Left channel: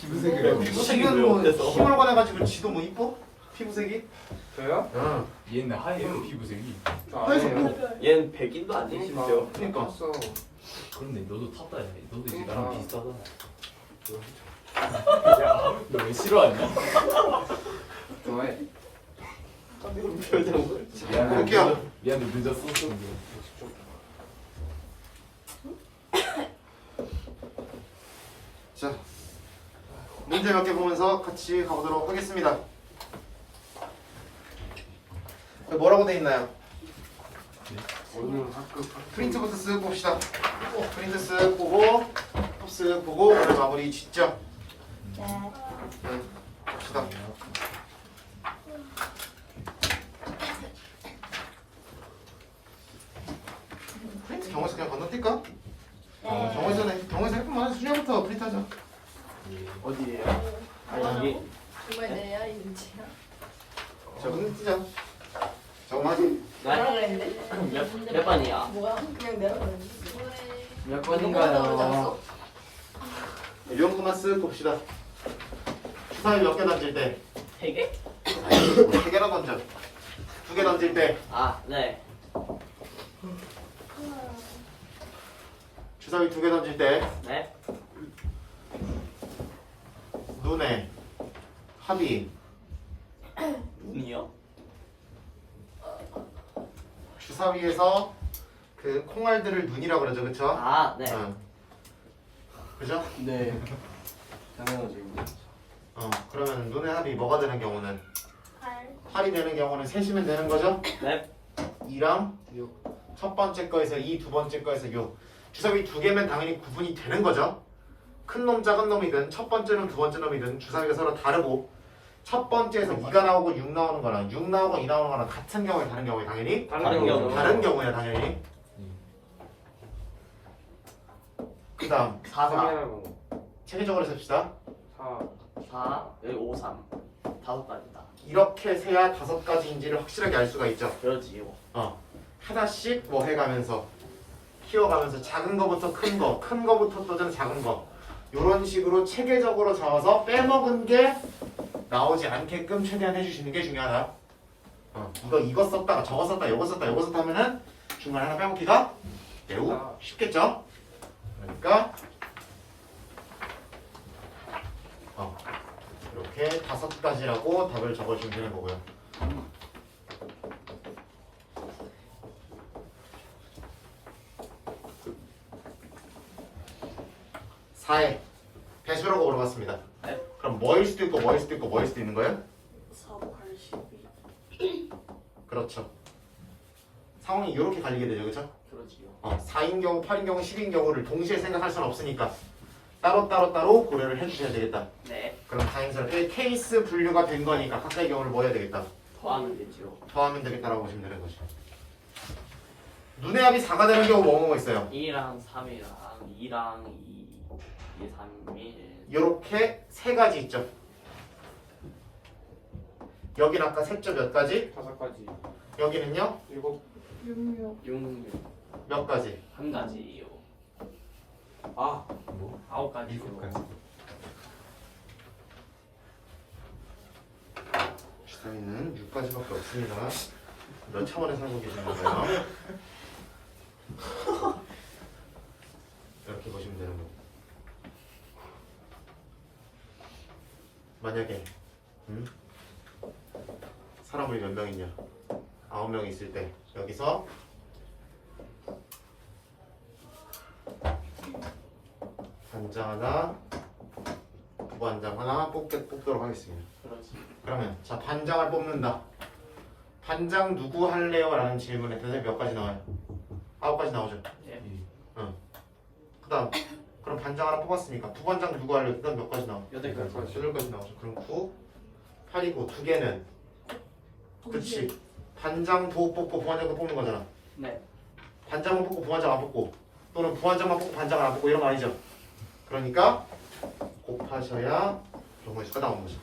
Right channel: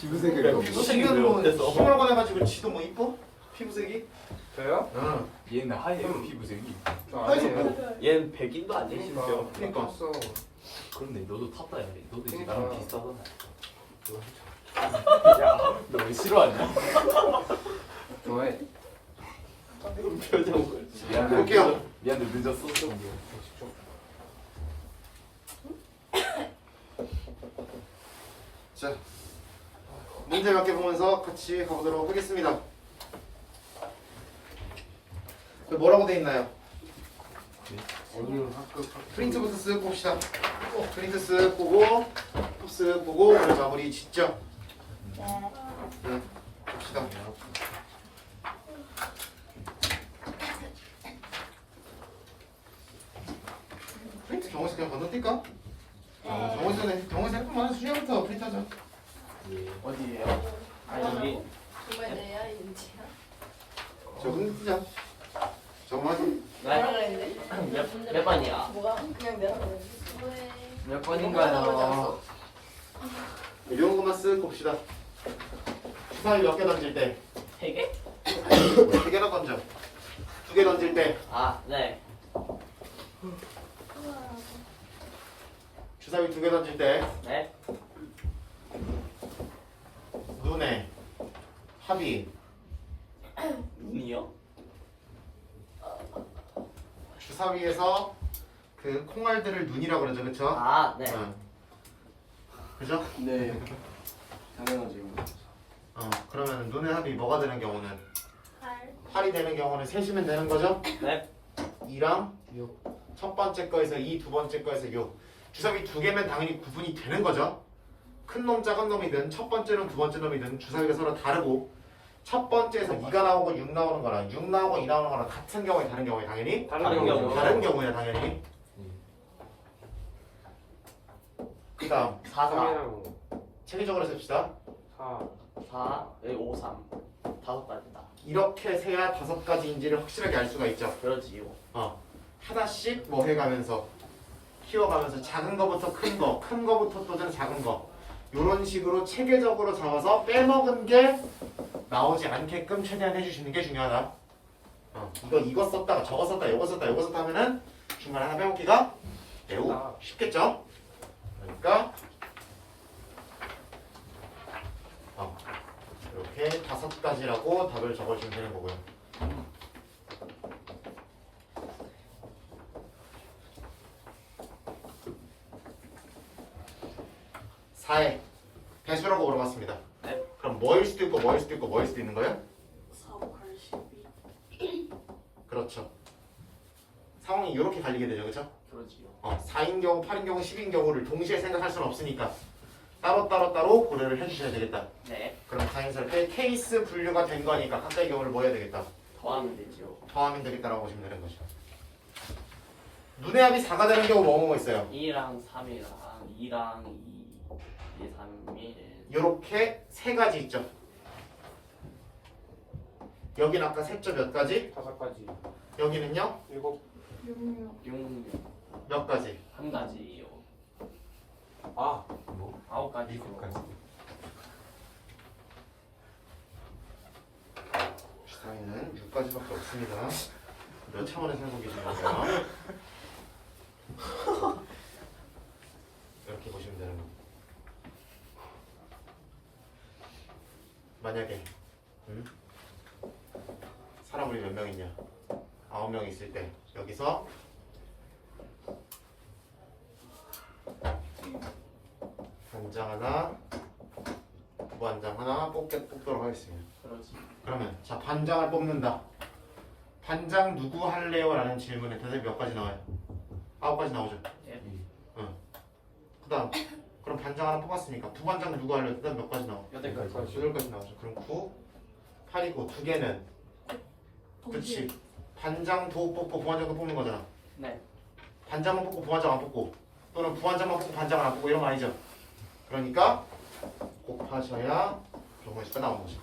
피부색을 피부색이 뭐 힘을 꺼내가지고 지도 뭐 이뻐? 피부색이? 저요? 응. 얘는 하얘요 피부색이. 저 아니에요. 얘는 백인도 아니심죠 그러니까. 탔어. 그런데 너도 탔다 야. 너도 이제 그러니까. 나랑 비슷하잖아. 야너 왜 싫어하냐? 좋아해. 표정을. 볼게요. 미안해 늦었어. 직접. 자, 문제 몇 개 보면서 같이 가보도록 하겠습니다. 뭐라고 돼 있나요? 오늘 학급 프린트부터 쓱 봅시다. 프린트 쓱 보고, 쓱 보고, 오늘 마무리 짓죠. 네, 봅시다. 프린트 경호에서 그냥 건너뛸까? 경호에서 할 뿐만 수량부터 프린트하자. 어디에요? 아 여기. 정말 내야 윤지야? 저거는 뜨자. 저거만 뭐라 그랬는데? 몇 번이야? 뭐가 그냥 내라 그랬는데? 몇 번인가요? 이런 것만 쓱 봅시다. 주사위 몇 개 던질 때? 세 개? 세 개나 던져. 두 개 던질 때 아 네. 주사위 두 개 던질 때 네. 눈에 합이 눈이요? 주사위에서 그 콩알들을 눈이라고 그러죠, 그렇죠? 아 네. 그죠? 네. 당연하지. 그러면 눈의 합이 뭐가 되는 경우는 8 8이 되는 경우는 셋이면 되는 거죠? 네. 2랑 첫 번째 거에서 2, 두 번째 거에서 6. 주사위 두 개면 당연히 구분이 되는 거죠. 큰 놈, 작은 놈이든 첫 번째 놈, 두 번째 놈이든 주사위가 서로 다르고 첫 번째에서 2가 나오고 6 나오는 거랑 6 나오고 2 나오는 거랑 같은 경우에 다른 경우에 당연히 다른 경우. 다른 경우야 당연히. 그 다음 4, 4. 3이랑 체계적으로 셉시다. 4. 4, 여기 5, 3. 다섯 가지다. 이렇게 세야 다섯 가지인지를 확실하게 알 수가 있죠. 그러지요. 하나씩 뭐 해가면서 키워가면서 작은 거부터 큰 거, 큰 거부터 또 좀 작은 거 이런 식으로 체계적으로 적어서 빼먹은 게 나오지 않게끔 최대한 해주시는 게 중요하다. 이거 썼다가 저거 썼다 요거 썼다 요거 썼다 하면은 중간에 하나 빼먹기가 매우 쉽겠죠. 그러니까 이렇게 다섯 가지라고 답을 적어주면 되는 거고요. 사회 배수라고 물어봤습니다. 네. 그럼 뭐일 수도 있고 뭐일 수도 있고 뭐일 수도 있는 거예요? 4, 8, 12 그렇죠. 상황이 이렇게 갈리게 되죠, 그렇죠? 그러지요. 4인 경우, 8인 경우, 10인 경우를 동시에 생각할 수는 없으니까 따로 고려를 해주셔야 되겠다. 네. 그럼 자연스럽게 케이스 분류가 된 거니까 각자의 경우를 뭐 해야 되겠다? 더하면 되죠. 더하면 되겠다라고 보시면 되는 거죠. 눈의 합이 4가 되는 경우 뭐 있어요? 2랑 3이랑 2랑 2, 2, 3, 1. 이렇게 세 가지 있죠. 여기는 아까 색조 몇 가지? 5가지. 여기는요? 7. 6 6, 몇 가지? 한 가지요. 아. 9가지요. 7가지. 주사위는 6가지밖에 없습니다. 몇 차원에 살고 계시는 거예요? 이렇게 보시면 되는 거고. 만약에 사람 우리 몇 명 있냐? 9명 있을 때 여기서 반장 하나, 부반장 하나 뽑도록 하겠습니다. 그러지. 그러면 자 반장을 뽑는다. 반장 누구 할래요? 라는 질문에 대답이 몇 가지 나와요? 9가지 나오죠. 예. 그 다음 그럼 반장 하나 뽑았으니까 부반장 누구 할래요? 그 다음 몇 가지 나와? 8가지. 8가지 나오죠. 그럼 9, 8이고 두 개는 그치. 반장 도 뽑고 부반장도 뽑는 거잖아. 네. 반장만 뽑고 부반장 안 뽑고 또는 부반장만 뽑고 반장을 안 뽑고 이런 거 아니죠. 그러니까 곱하셔야 경우의 수가 나오는 거죠.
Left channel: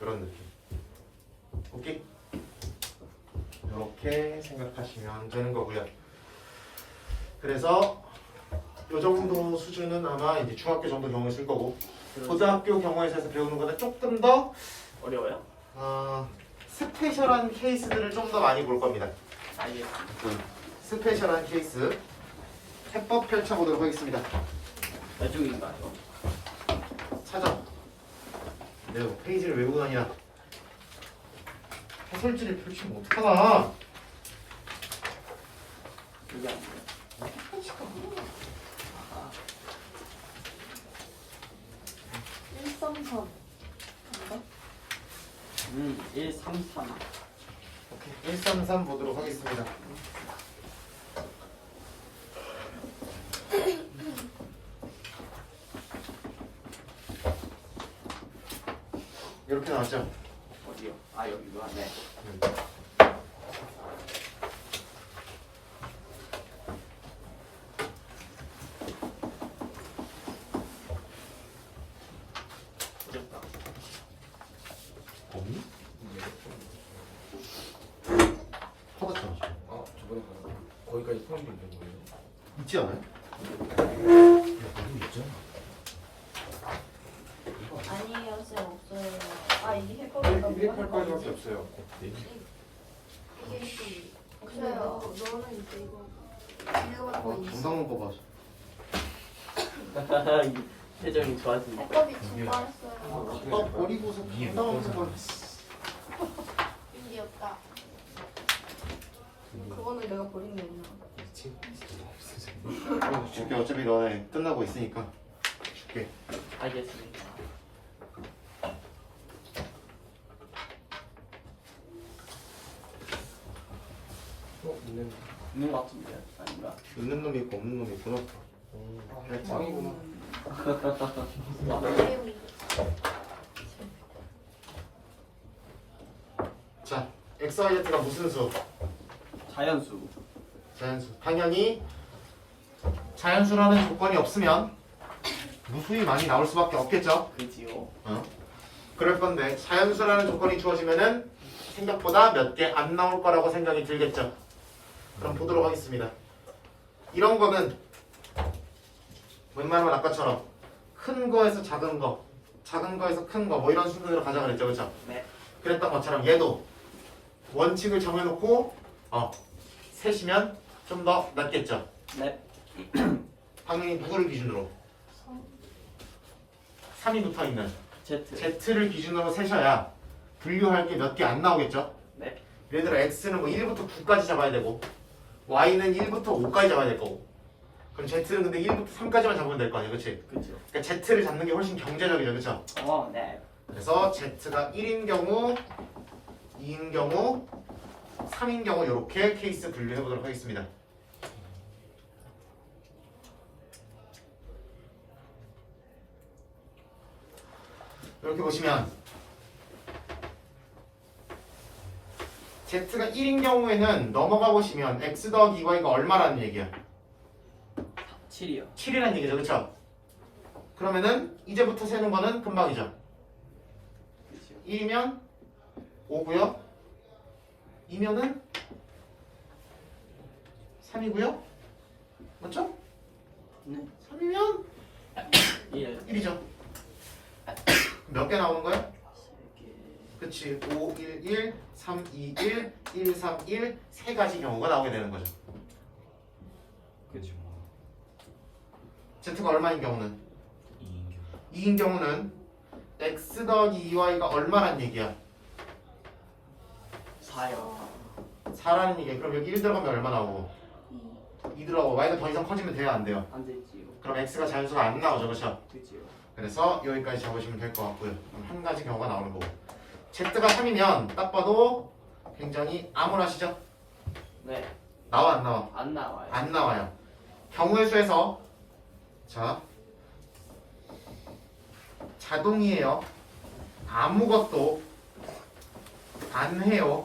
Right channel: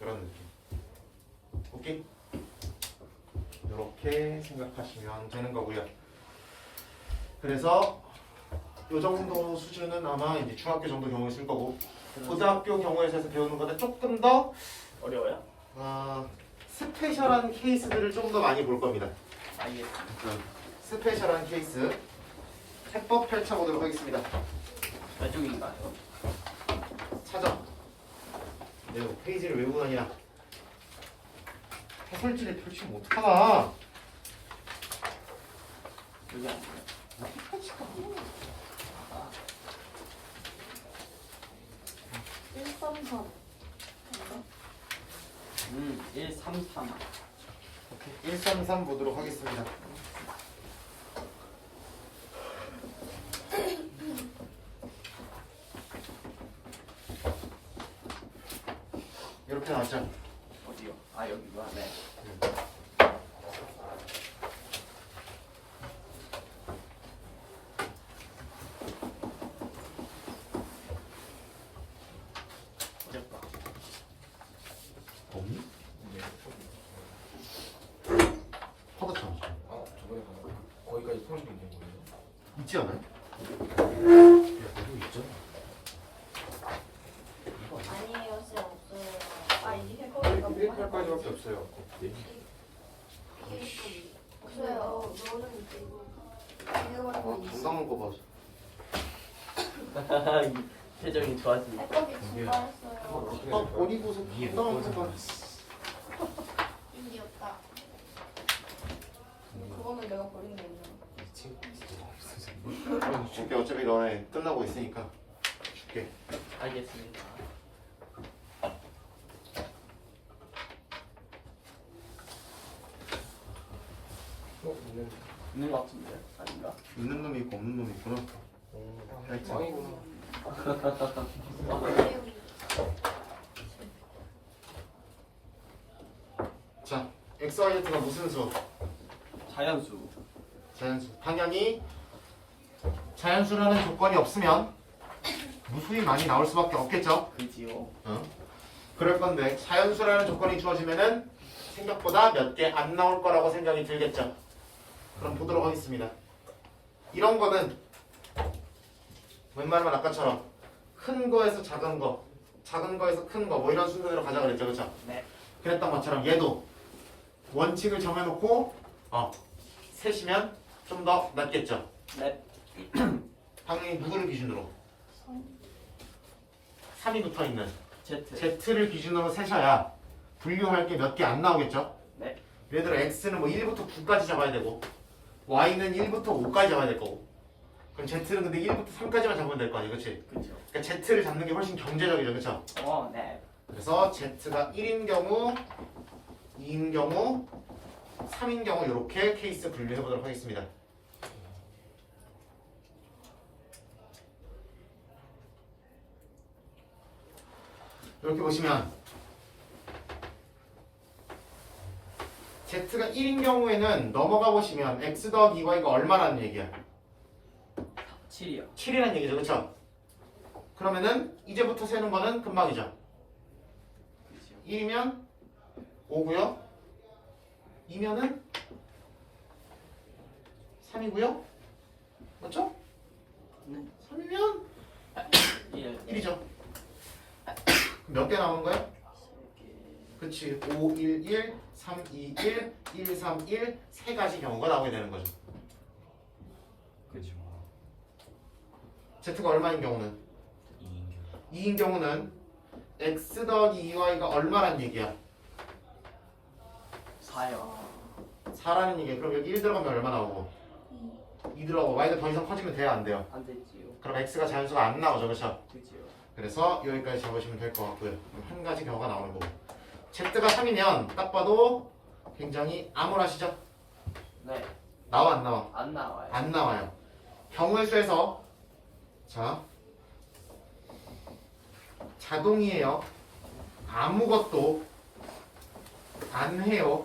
이런 느낌. 오케이? 이렇게 생각하시면 되는 거고요. 그래서 요 정도 수준은 아마 이제 중학교 정도 경우에 쓸 거고 고등학교 경우에서 배우는 거는 조금 더 어려워요? 스페셜한 케이스들을 좀 더 많이 볼 겁니다. 알겠습니다. 스페셜한 케이스 해법 펼쳐보도록 하겠습니다. 나중인가요? 찾아. 내가 뭐 페이지를 외우고 다니냐. 해설지를 펼치면 어떡하나. 여기 아니에요? 펼칠까? 133. 133. 오케이. 133 보도록 하겠습니다. 이렇게 나왔죠? 어디요? 아 여기구나. 네. 어렵다. 없니? 퍼졌잖아. 저번에 거기까지 통일이 된 거예요? 있지 않아요? 아니에요, 쌤 없어요. 아, 이게 해보려고. 208까지밖에 없어요. 이게 좀 없어요. 너는 이제 이거. 정당한 거 봐. 표정이 좋아지네. 해법이 증가했어요. 버리고서 정당한 거 봐. 인디였다. 그거는 내가 버린 게 있나? 줄게. 어차피 너네 끝나고 있으니까 줄게. 알겠습니다. 있는 것 같은데 아닌가? 있는 놈이 있고 없는 놈이 있구나. 망이구나. 자, XYZ가 무슨 수? 자연수. 자연수. 당연히 자연수라는 조건이 없으면 무수히 많이 나올 수밖에 없겠죠. 그지요. 그럴 건데 자연수라는 조건이 주어지면은 생각보다 몇 개 안 나올 거라고 생각이 들겠죠. 그럼 보도록 하겠습니다. 이런 거는 웬만하면 아까처럼 큰 거에서 작은 거, 작은 거에서 큰 거 뭐 이런 순서대로 가자 그랬죠, 그렇죠? 네. 그랬던 것처럼 얘도 원칙을 정해놓고 셋이면 좀 더 낫겠죠. 네. 당연히 누구를 기준으로? 3이 붙어있는 Z. Z를 기준으로 세셔야 분류할 게 몇 개 안 나오겠죠. 네. 예를 들어 X는 뭐 1부터 9까지 잡아야 되고 Y는 1부터 5까지 잡아야 될 거고 그럼 Z는 근데 1부터 3까지만 잡으면 될 거 아니야, 그렇지? 그죠. 그러니까 Z를 잡는 게 훨씬 경제적이죠, 그렇죠? 네. 그래서 Z가 1인 경우, 2인 경우, 3인 경우 이렇게 케이스 분류해 보도록 하겠습니다. 이렇게 보시면 Z가 1인 경우에는 넘어가 보시면 X 더하기 2Y가 얼마라는 얘기야? 7이요. 7이라는 얘기죠, 그렇죠? 그러면은 이제부터 세는 거는 금방이죠. 그죠. 1이면 5고요. 2면은 3이고요. 맞죠? 네. 3이면 1. 1이죠. 몇 개 나오는 거야? 그치. 5, 1, 1, 3, 2, 1, 1, 3, 1 세 가지 경우가 나오게 되는 거죠. 그죠. Z가 얼마인 경우는? 2인경. 2인 경우는 X 더하기 2Y가 얼마란 얘기야? 4요. 4라는 얘기야. 그럼 여기 1 들어가면 얼마 나오고? 2 들어가고 Y가 더 이상 커지면 돼요, 안 돼요? 안 되지요. 그럼 X가 자연수가 안 나오죠, 그렇죠? 그지요. 그래서 여기까지 잡으시면 될 것 같고요. 한 가지 경우가 나오는 거고. Z가 3이면 딱 봐도 굉장히 암울하시죠? 네. 나와 안 나와? 안 나와요. 안 나와요. 경우의 수에서 자 자동이에요. 아무것도 안 해요.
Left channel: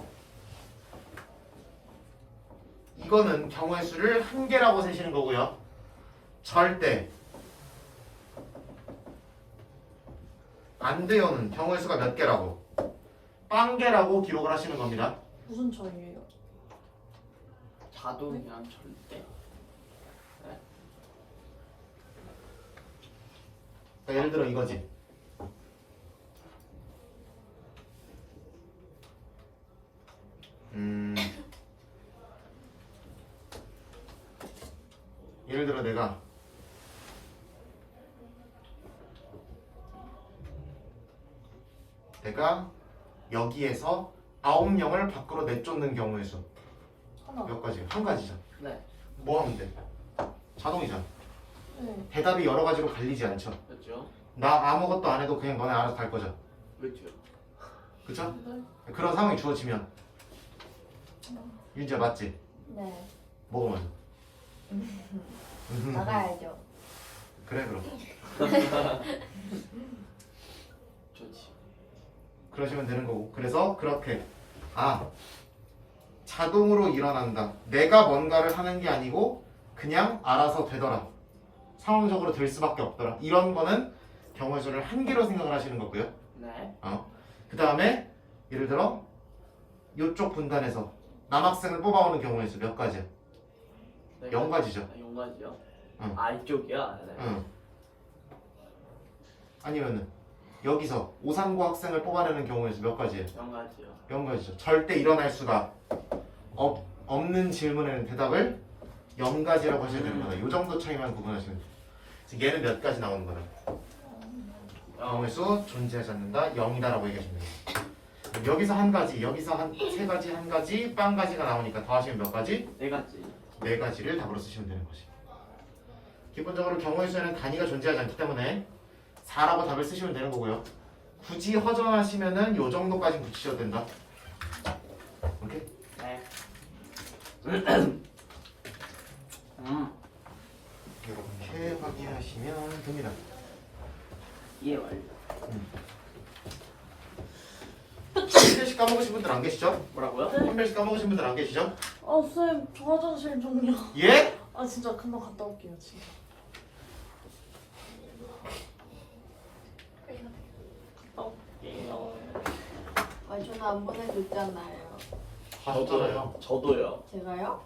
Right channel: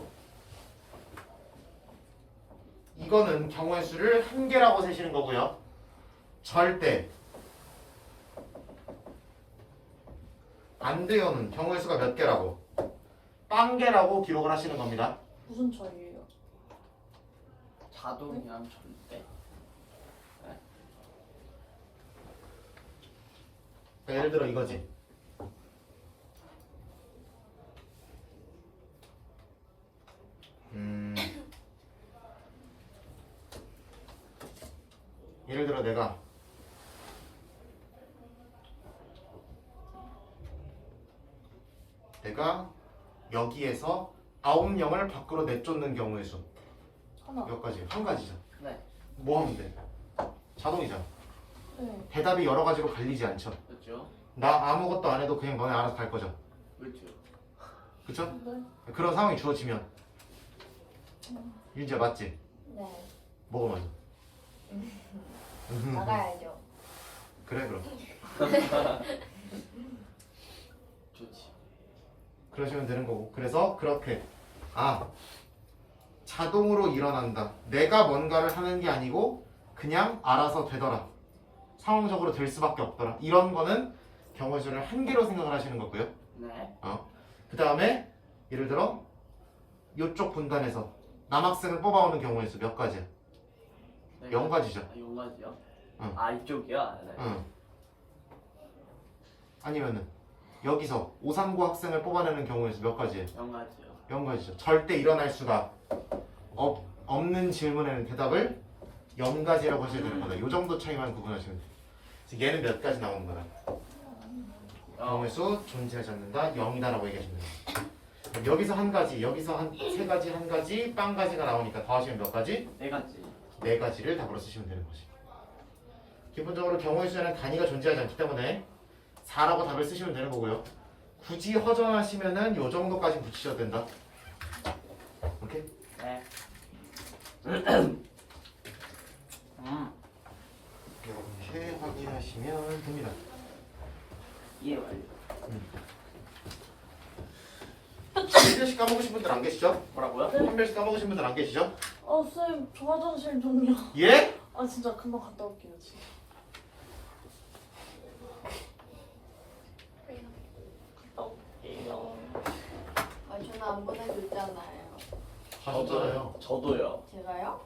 이거는 경우의 수를 한 개라고 세시는 거고요. 절대 안 돼요는 경우의 수가 몇 개라고? 빵 개라고 기록을 하시는 겁니다. 무슨 차이예요? 자동이랑 절대. 그러니까 예를 들어 이거지. 예를 들어 내가 여기에서 9명을 밖으로 내쫓는 경우의 수. 하나. 몇 가지? 한 가지죠. 네. 뭐 하면 돼? 자동이잖아. 네. 대답이 여러 가지로 갈리지 않죠. 그렇죠. 나 아무것도 안 해도 그냥 너네 알아서 갈 거죠. 그렇죠. 그쵸? 네. 그런 상황이 주어지면 윤지야 맞지? 네. 뭐가 맞아? 나가야죠. 그래 그럼 좋지. 그러시면 되는 거고. 그래서 그렇게 자동으로 일어난다. 내가 뭔가를 하는 게 아니고 그냥 알아서 되더라. 상황적으로 될 수밖에 없더라. 이런 거는 경우의 수를 한 개로 생각을 하시는 거고요. 네. 그 다음에 예를 들어 이쪽 분단에서 남학생을 뽑아오는 경우의 수 몇 가지야? 네. 0가지죠. 0가지요? 응. 아 이쪽이요? 네. 응. 아니면은 여기서 오상고 학생을 뽑아내는 경우의 수 몇 가지예요? 0가지요. 0가지죠. 절대 일어날 수가 없는 질문에는 대답을 0가지라고 하셔야 되는 거다. 이 정도 차이만 구분하시면 돼요. 지금 얘는 몇 가지 나오는 거야? 경우의 수 존재하지 않는다. 0이다라고 얘기하시면 돼요. 그럼 여기서 한 가지, 여기서 한 세 가지, 한 가지, 빵 가지가 나오니까 더하시면 몇 가지? 4가지. 네 가지를 답으로 쓰시면 되는 거지. 기본적으로 경우의 수에는 단위가 존재하지 않기 때문에 4라고 답을 쓰시면 되는 거고요. 굳이 허전하시면은 요 정도까지 붙이셔도 된다. 오케이? 네. 이렇게 확인하시면 됩니다. 이해 완료. 한 별씩 까먹으신 분들 안 계시죠? 뭐라고요? 한 별씩 까먹으신 분들 안 계시죠? 쌤, 저 화장실 좀요. 예? 아, 진짜 금방 갔다 올게요, 진짜. 갔다 올게요. 아, 저는 안 보내줬잖아요. 가셨잖아요. 저도요. 제가요?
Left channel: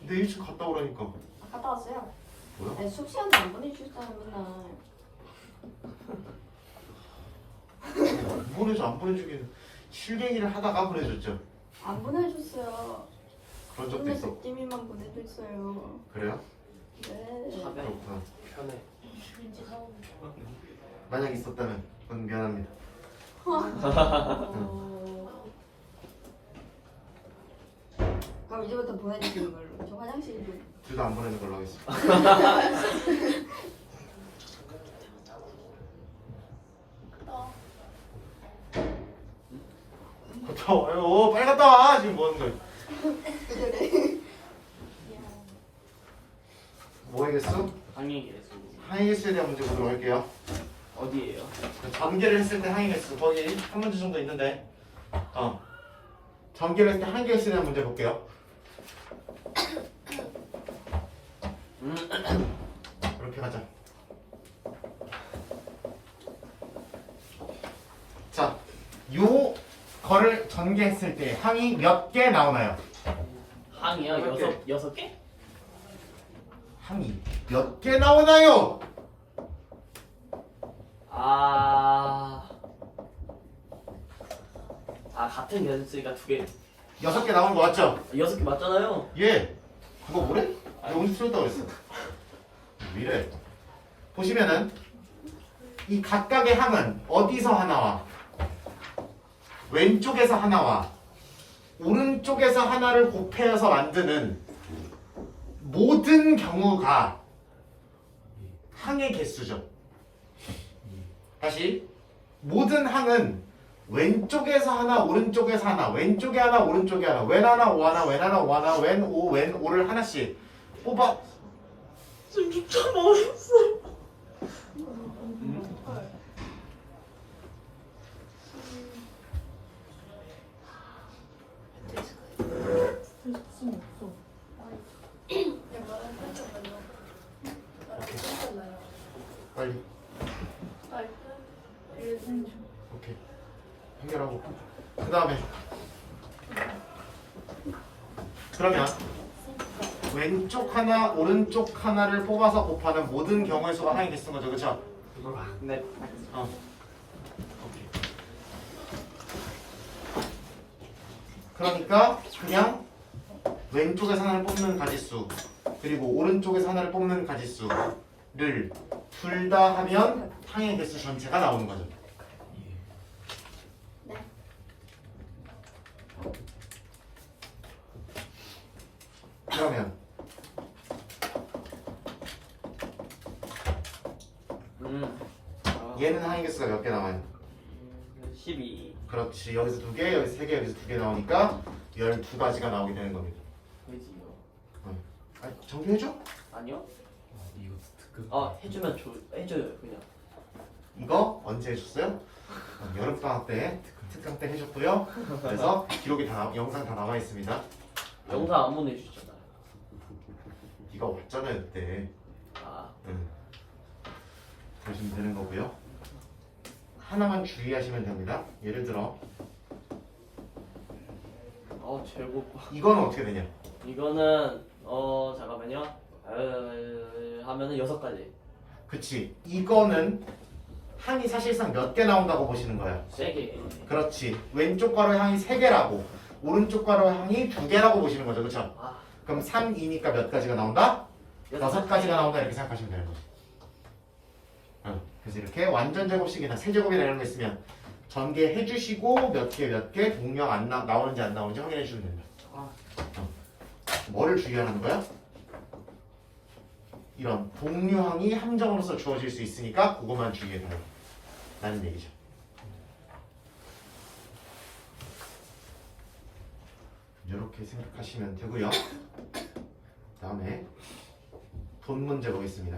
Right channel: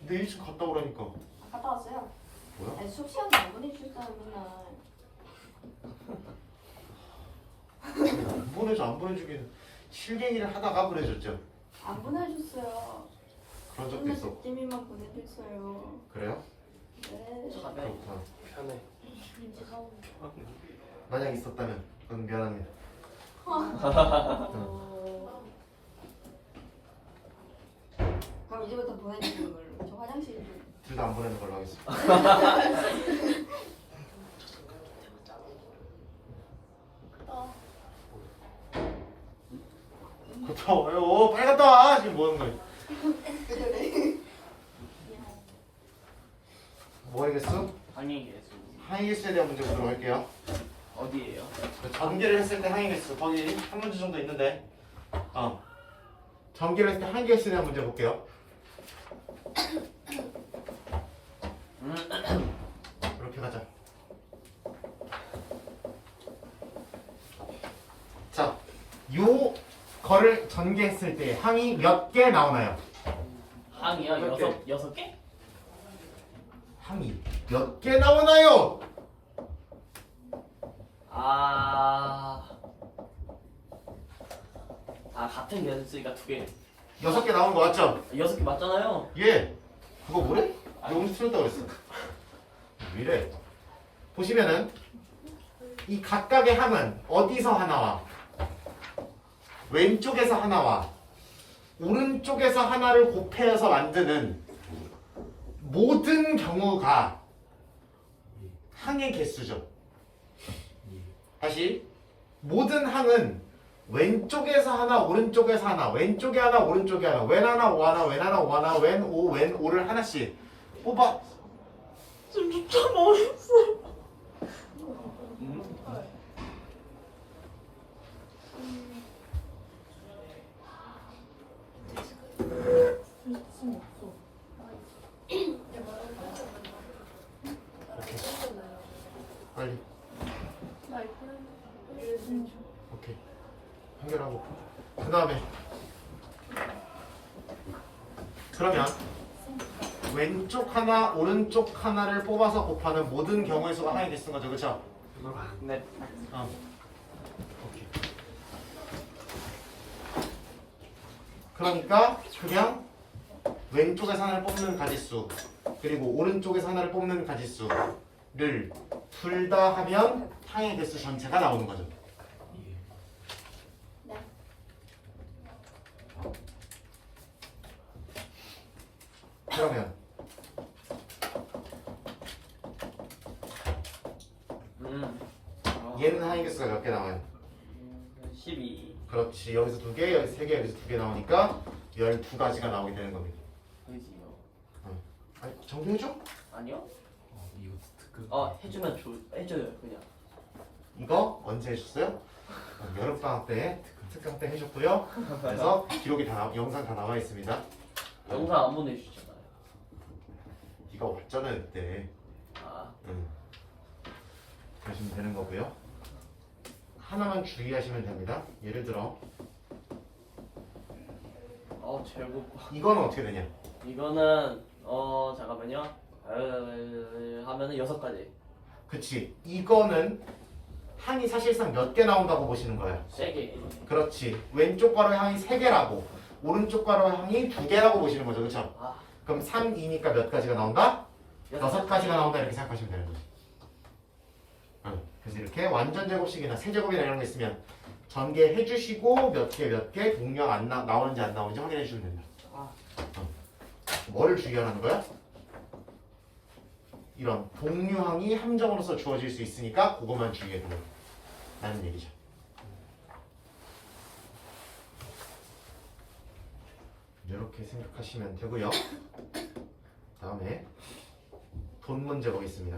근데 일찍 갔다 오라니까. 갔다 왔어요. 뭐야? 네, 수업 시간에 안 보내주셨잖아요, 맨날. 안 보내줘 안 보내주긴 실갱이를 하다가 보내줬죠. 안 보내줬어요. 그런 적도 근데 있어. 백지민만 보내줬어요. 그래요? 네. 차별. 그렇구나. 편해. 왠지 사고. 만약 있었다면 그건 미안합니다. 그럼 이제부터 보내주시는 걸로. 저 화장실 좀. 둘 다 안 보내는 걸로 하겠습니다. 갔다 와요. 빨리 갔다 와. 지금 뭐 하는 거야? 뭐 하겠어? 항의 개수. 항의 개수에 대한 문제 보도록 할게요. 어디에요? 전개를 했을 때 항의 개수 거기 한 문제 정도 있는데 전개를 했을 때 항의 개수에 대한 문제 볼게요. 이렇게 가자. 자, 요 거를 전개했을 때 항이 몇 개 나오나요? 항이요? 몇 개? 6개? 항이 몇 개 나오나요? 같은 개수니까 2개. 6개 나온 거 맞죠? 6개 맞잖아요. 예. 그거 뭐래? 내가 언제 틀렸다고 그랬어? 왜 이래? 보시면은 이 각각의 항은 어디서 하나와 왼쪽에서 하나와 오른쪽에서 하나를 곱해서 만드는 모든 경우가 항의 개수죠. 다시 모든 항은 왼쪽에서 하나 오른쪽에서 하나 왼쪽에 하나 오른쪽에 하나 왼 하나 오 하나 왼 하나 오 하나 왼 오를 하나씩 뽑아 쌤, 진짜 모르겠어요. 쌤 없어. 빨리 오케이 해결하고 그 다음에 그러면 왼쪽 하나, 오른쪽 하나를 뽑아서 곱하는 모든 경우의 수가 항의 개수인 거죠, 그렇죠? 네. 오케이. 그러니까 그냥 왼쪽에서 하나를 뽑는 가지수 그리고 오른쪽에서 하나를 뽑는 가지수를 둘 다 하면 항의 개수 전체가 나오는 거죠. 예. 네. 그러면 얘는 항의 개수가 몇 개 나와요? 12. 그렇지. 여기서 2개, 여기서 3개, 여기서 2개 나오니까 12가지가 나오게 되는 겁니다. 되지요. 아니, 정리해줘? 아니요? 이거 특급. 해주면 해줘요 그냥. 이거 언제 해줬어요? 여름방학 때, 특강 때 해줬고요. 그래서 기록이 영상 다 나와 있습니다. 영상 안 보내주셨잖아요. 네가 왔잖아요 그때. 응. 그러시면 되는 거고요. 하나만 주의하시면 됩니다. 예를 들어 제곱. 이거는 어떻게 되냐? 이거는 잠깐만요. 하면은 6가지. 그치. 이거는 항이 사실상 몇 개 나온다고 보시는 거야. 세게. 그렇지. 왼쪽 괄호 항이 3개라고 오른쪽 괄호 항이 2개라고 보시는 거죠. 그렇죠? 그럼 3, 2니까 몇 가지가 나온다? 6가지가 나온다 이렇게 생각하시면 되는 거죠. 그래서 이렇게 완전 제곱식이나 세제곱이나 이런 거 있으면 전개해 주시고 몇 개 동력 나오는지 안 나오는지 확인해 주시면 됩니다. 뭐를 주의하는 거야? 이런 동류항이 함정으로서 주어질 수 있으니까 그것만 주의해 달라 라는 얘기죠. 이렇게 생각하시면 되고요. 다음에 돈 문제 보겠습니다.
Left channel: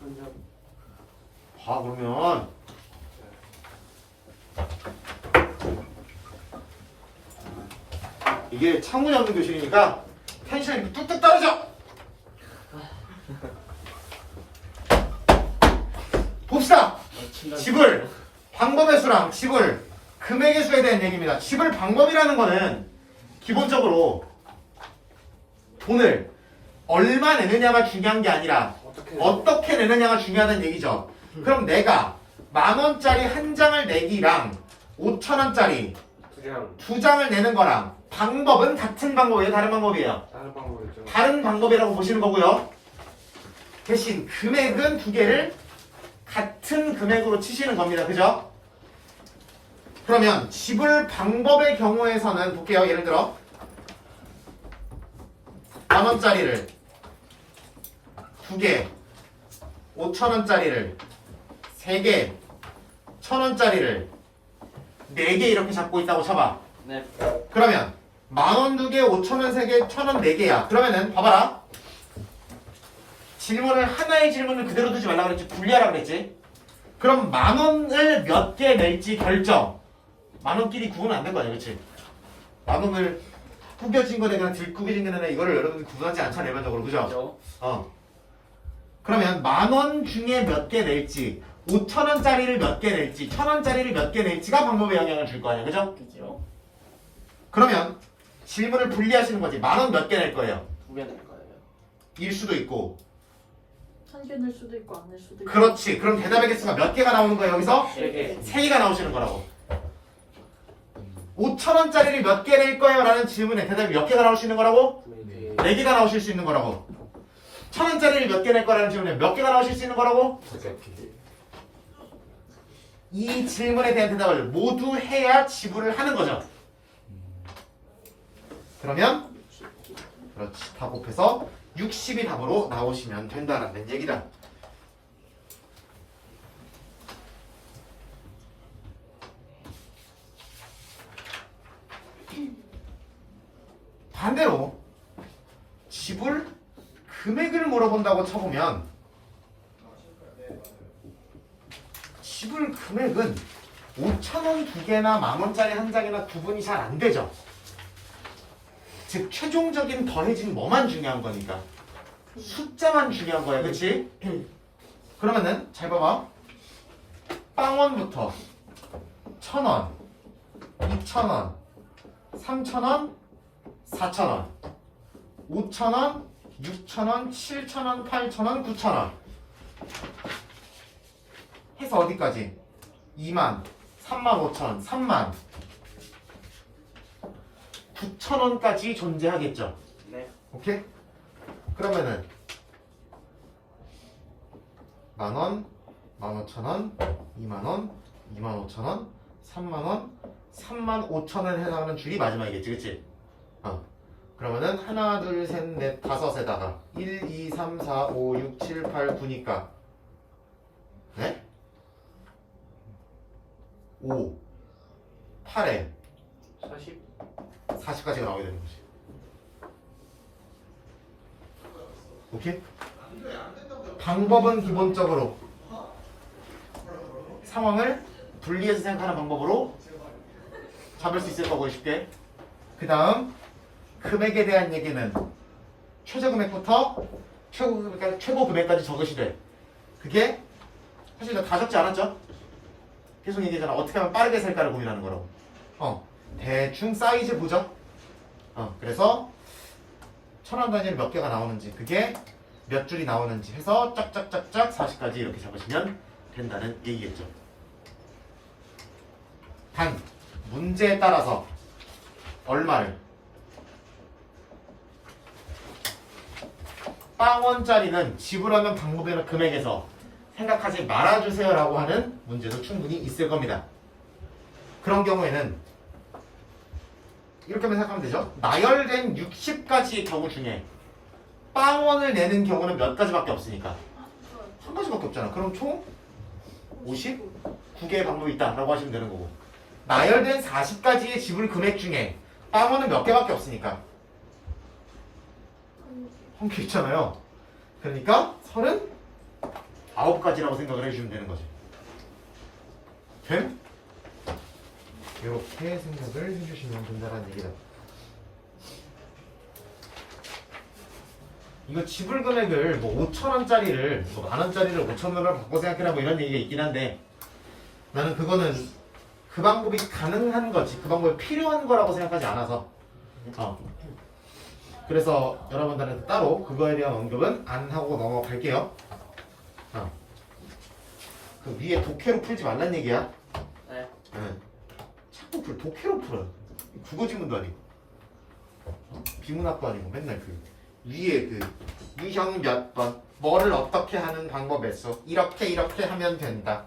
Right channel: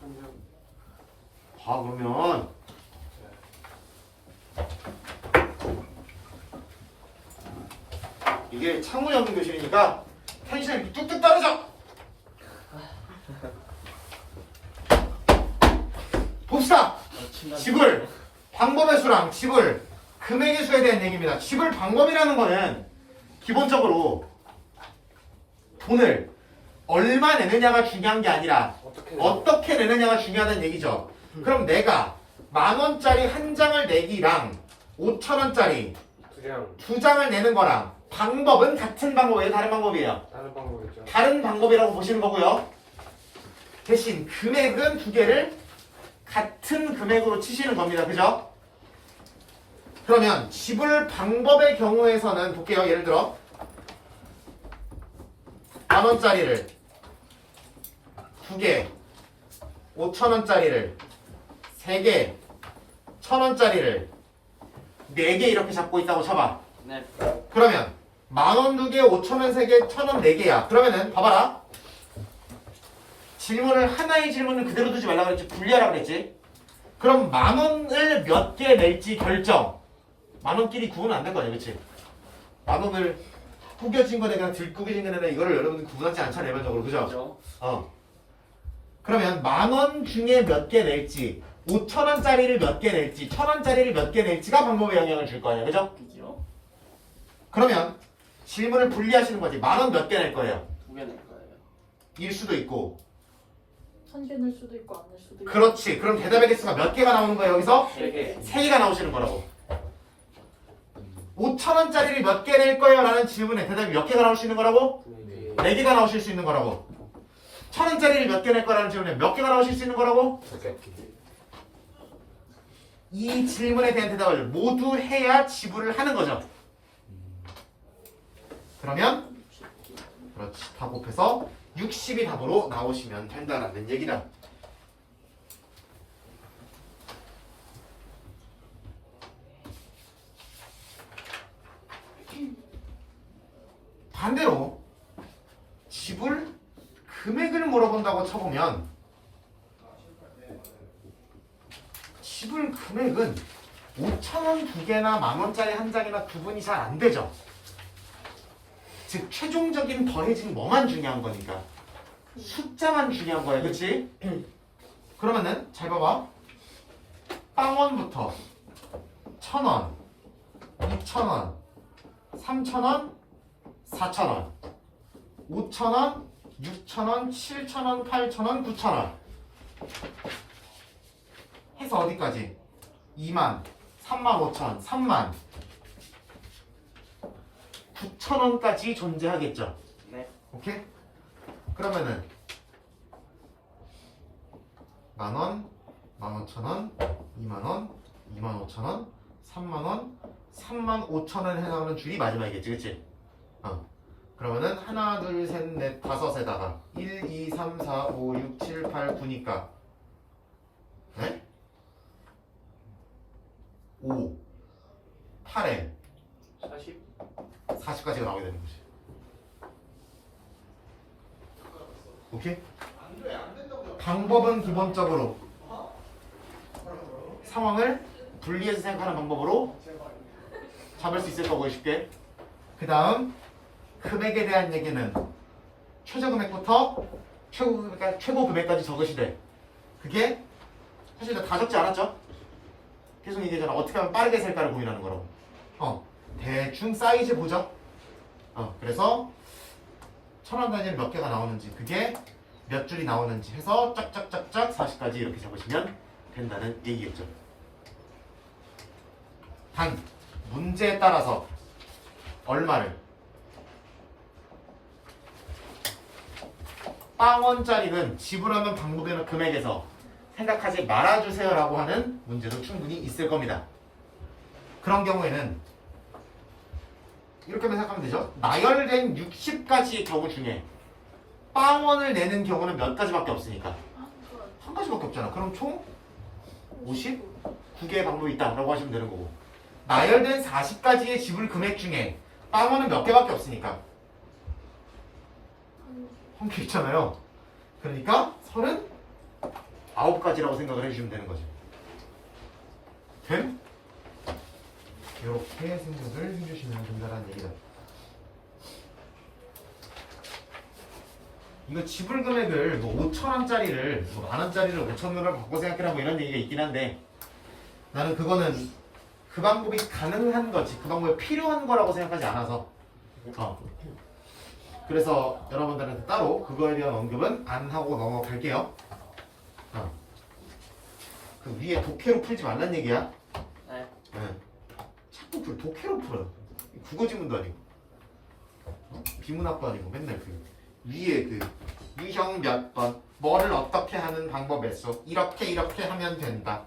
돈이요? 봐 그러면 이게 창문이 없는 교실이니까 텐션이 뚝뚝 떨어져. 봅시다. 집을 방법의 수랑 집을 금액의 수에 대한 얘기입니다. 집을 방법이라는 거는 기본적으로 돈을 얼마 내느냐가 중요한 게 아니라 어떻게 내느냐가 중요하다는 얘기죠. 그럼 내가 10,000원짜리 한 장을 내기랑 5,000원짜리 2장을 내는 거랑 방법은 같은 방법이에요? 다른 방법이에요? 다른 방법이죠. 다른 방법이라고 보시는 거고요. 대신 금액은 두 개를 같은 금액으로 치시는 겁니다. 그죠? 그러면 지불 방법의 경우에서는 볼게요. 예를 들어 10,000원짜리를 2개, 5,000원짜리를 3개, 1,000원짜리를 4개 이렇게 잡고 있다고 쳐봐. 네. 그러면 10,000원 2개, 5,000원 3개, 1,000원 4개야. 그러면은 봐봐라. 질문을 하나의 질문을 그대로 두지 말라 그랬지. 분리하라 그랬지. 그럼 10,000원을 몇 개 낼지 결정. 10,000원끼리 구분 안 된 거 아니야, 그렇지? 10,000원을 구겨진 거네 그냥 들구겨진 거네 이거를 여러분들 구분하지 않잖아 일반적으로, 그죠? 그러면 10,000원 중에 몇 개 낼지, 5,000원짜리를 몇 개 낼지, 1,000원짜리를 몇 개 낼지가 방법에 영향을 줄 거 아니야, 그죠? 그죠? 그러면 질문을 분리하시는 거지. 10,000원 몇 개 낼 거예요? 2개 낼 거예요. 일 수도 있고. 1개 낼 수도 있고 안 낼 수도 있고. 그렇지. 그럼 대답의 개수가 몇 개가 나오는 거예요 여기서? 3개. 3개가 나오시는 거라고. 5,000원짜리를 몇 개 낼 거예요? 라는 질문에 대답이 몇 개가 나올 수 있는 거라고? 4개가 나오실 수 있는 거라고. 1,000원짜리를 몇 개 낼 거라는 질문에 몇 개가 나오실 수 있는 거라고? 이 질문에 대한 대답을 모두 해야 지불을 하는 거죠. 그러면 그렇지. 다 곱해서 60이 답으로 나오시면 된다는 얘기다. 반대로 지불 금액을 물어본다고 쳐보면 지불 금액은 5,000원 2개나 10,000원짜리 한 장이나 구분이 잘 안 되죠. 즉 최종적인 더해진 뭐만 중요한 거니까 숫자만 중요한 거야, 그치? 그러면은 잘 봐봐. 빵원부터 1,000원, 2,000원, 3,000원, 4,000원, 5,000원, 6,000원, 7,000원, 8,000원, 9,000원 해서 어디까지? 2만, 3만 5천, 3만 9,000원까지 존재하겠죠. 네. 오케이? 그러면은 10,000원, 15,000원, 2만원, 25,000원, 3만원, 35,000원 해당하는 줄이 마지막이겠지, 그치? 그러면은 하나, 둘, 셋, 넷, 다섯에다가 1, 2, 3, 4, 5, 6, 7, 8, 9니까 네? 5, 8에 40? 40까지가 나오게 되는 거지. 오케이? 방법은 기본적으로 상황을 분리해서 생각하는 방법으로 잡을 수 있을 거고 쉽게. 그 다음 금액에 대한 얘기는 최저금액부터 최고금액까지 적으시되 그게 사실 다 적지 않았죠? 계속 얘기하잖아. 어떻게 하면 빠르게 살까를 고민하는 거라고. 대충 사이즈 보죠. 그래서 1,000원 단위를 몇 개가 나오는지 그게 몇 줄이 나오는지 해서 짝짝짝짝 40까지 이렇게 잡으시면 된다는 얘기겠죠. 단 문제에 따라서 얼마를 0원짜리는 지불하는 방법이나 금액에서 생각하지 말아주세요 라고 하는 문제도 충분히 있을 겁니다. 그런 경우에는 이렇게만 생각하면 되죠. 나열된 60가지의 경우 중에 0원을 내는 경우는 몇 가지밖에 없으니까 한 가지밖에 없잖아. 그럼 총 59개의 방법이 있다라고 하시면 되는 거고, 나열된 40가지의 지불 금액 중에 0원은 몇 개밖에 없으니까 한 개 있잖아요. 그러니까 39가지라고 생각을 해주시면 되는 거지. 됨? 이렇게 생각을 해주시면 된다는 얘기다. 이거 지불 금액을 뭐 5,000원짜리를 뭐 만원짜리를 5,000원으로 바꿔 생각해라 뭐 이런 얘기가 있긴 한데, 나는 그거는 그 방법이 가능한 거지 그 방법이 필요한 거라고 생각하지 않아서 그래서 여러분들한테 따로 그거에 대한 언급은 안 하고 넘어갈게요. 그 위에 독해로 풀지 말란 얘기야. 네. 자꾸 독해로 풀어. 국어 지문도 아니고 비문학도 아니고 맨날 그 위에 그 유형 몇 번 뭐를 어떻게 하는 방법에서 이렇게 하면 된다.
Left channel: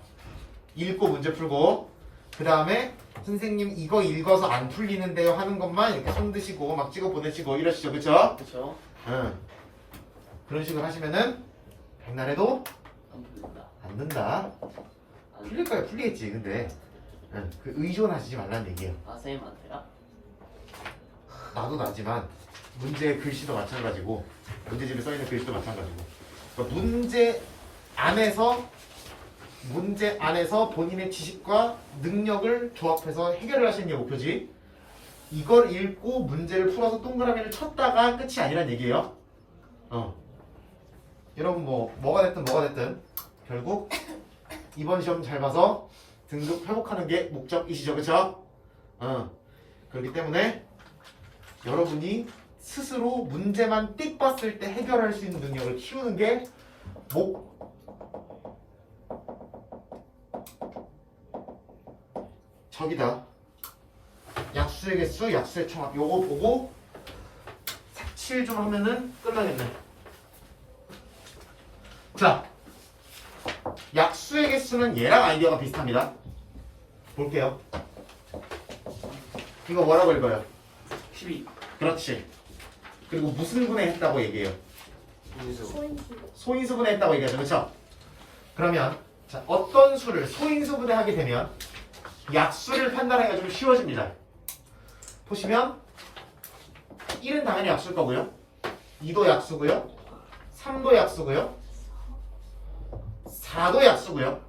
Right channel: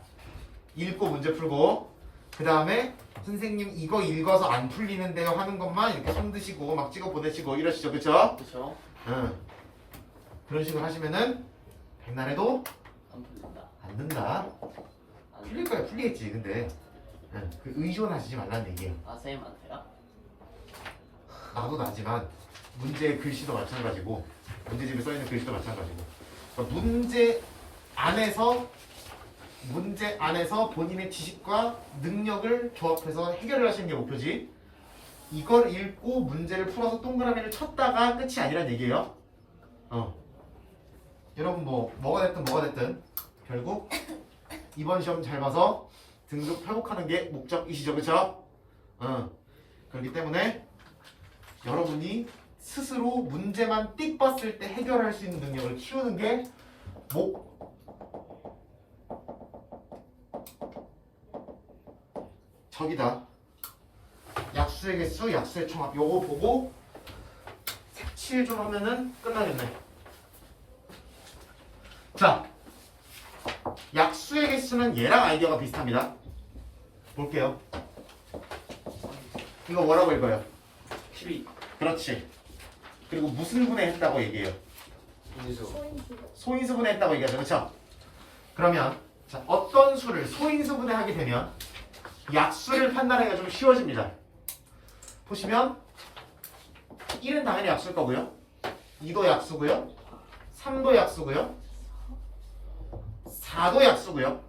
읽고 문제 풀고 그 다음에 선생님 이거 읽어서 안 풀리는데요 하는 것만 이렇게 손 드시고 막 찍어 보내시고 이러시죠, 그쵸? 그쵸? 그런 식으로 하시면은 백날에도 안 풀린다. 안 된다. 풀릴 거야, 풀리겠지. 근데 그 의존하시지 말라는 얘기예요. 아, 선생님한테요? 나도 나지만 문제 글씨도 마찬가지고 문제집에 써있는 글씨도 마찬가지고, 그러니까 문제 안에서 본인의 지식과 능력을 조합해서 해결을 하시는 게 목표지, 이걸 읽고 문제를 풀어서 동그라미를 쳤다가 끝이 아니란 얘기예요. 여러분 뭐가 됐든 결국 이번 시험 잘 봐서 등급 회복하는 게 목적이시죠, 그쵸? 그렇기 때문에 여러분이 스스로 문제만 띡 봤을 때 해결할 수 있는 능력을 키우는 게 저기다. 약수의 개수, 약수의 총합 요거 보고 색칠 좀 하면은 끝나겠네. 자, 약수의 개수는 얘랑 아이디어가 비슷합니다. 볼게요. 이거 뭐라고 읽어요? 12. 그렇지. 그리고 무슨 분해했다고 얘기해요? 소인수 분해했다고 얘기하죠, 그렇죠? 그러면 자, 어떤 수를 소인수 분해하게 되면 약수를 판단하기가 좀 쉬워집니다. 보시면 1은 당연히 약수일 거고요, 2도 약수고요, 3도 약수고요, 4도 약수고요,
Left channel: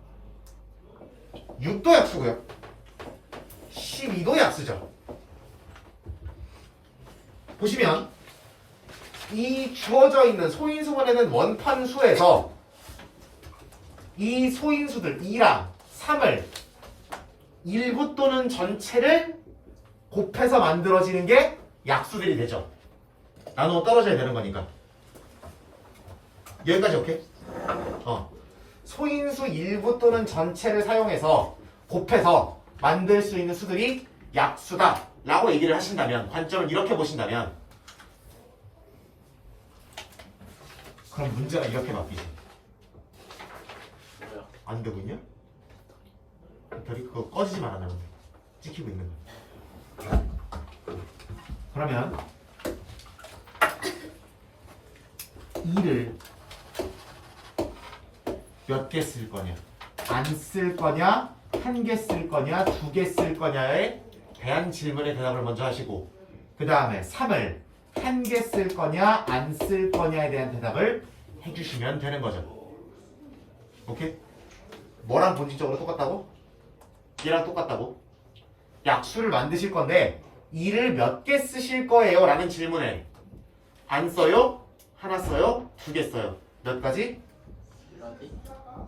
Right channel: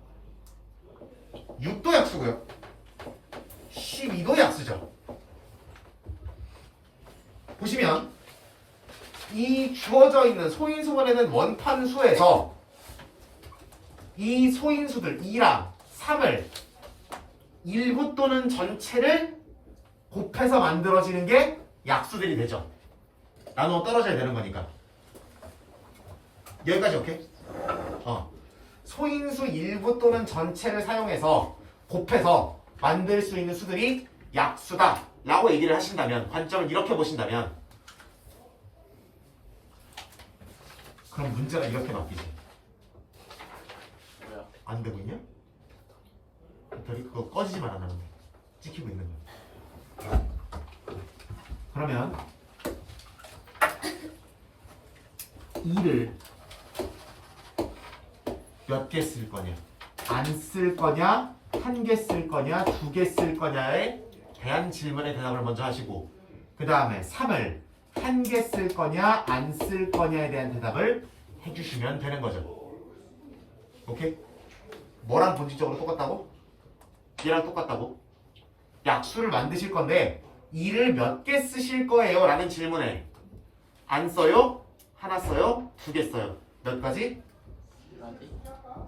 6도 약수고요, 12도 약수죠. 보시면 이 주어져 있는 소인수 분해된 원판수에서 이 소인수들 2랑 3을 일부 또는 전체를 곱해서 만들어지는 게 약수들이 되죠. 나누어 떨어져야 되는 거니까. 여기까지 오케이? 소인수 일부 또는 전체를 사용해서 곱해서 만들 수 있는 수들이 약수다 라고 얘기를 하신다면, 관점을 이렇게 보신다면, 그럼 문제가 이렇게 바뀌지. 뭐야? 안 되고 있냐? 배터리 그거 꺼지지만 안 하면 돼. 찍히고 있는 거야. 그러면 2를 몇 개 쓸 거냐? 안 쓸 거냐? 한 개 쓸 거냐? 2개 쓸 거냐에 대한 질문의 대답을 먼저 하시고, 그 다음에 3을 한 개 쓸 거냐? 안 쓸 거냐에 대한 대답을 해주시면 되는 거죠. 오케이? 뭐랑 본질적으로 똑같다고? 얘랑 똑같다고? 약수를 만드실 건데 2를 몇 개 쓰실 거예요? 라는 질문에 안 써요? 하나 써요? 2개 써요? 몇 가지?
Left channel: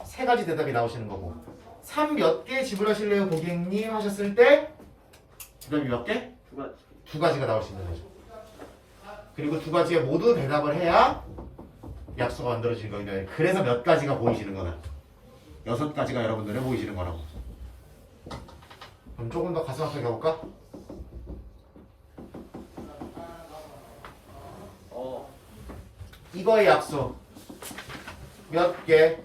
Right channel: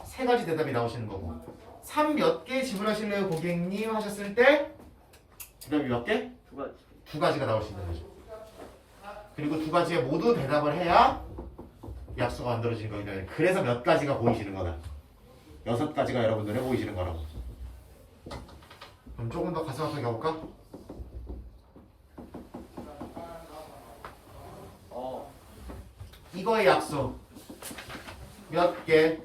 3가지 대답이 나오시는 거고, 3 몇 개 지불하실래요 고객님 하셨을 때 대답이 몇 개? 2가지. 2가지가 나오시는 거죠. 그리고 2가지에 모두 대답을 해야 약수가 만들어지는 거니까, 그래서 몇 가지가 보이시는 거다. 6가지가 여러분들에 보이시는 거라고. 그럼 조금 더 가슴 아프게 가볼까? 이거의 약수 몇 개?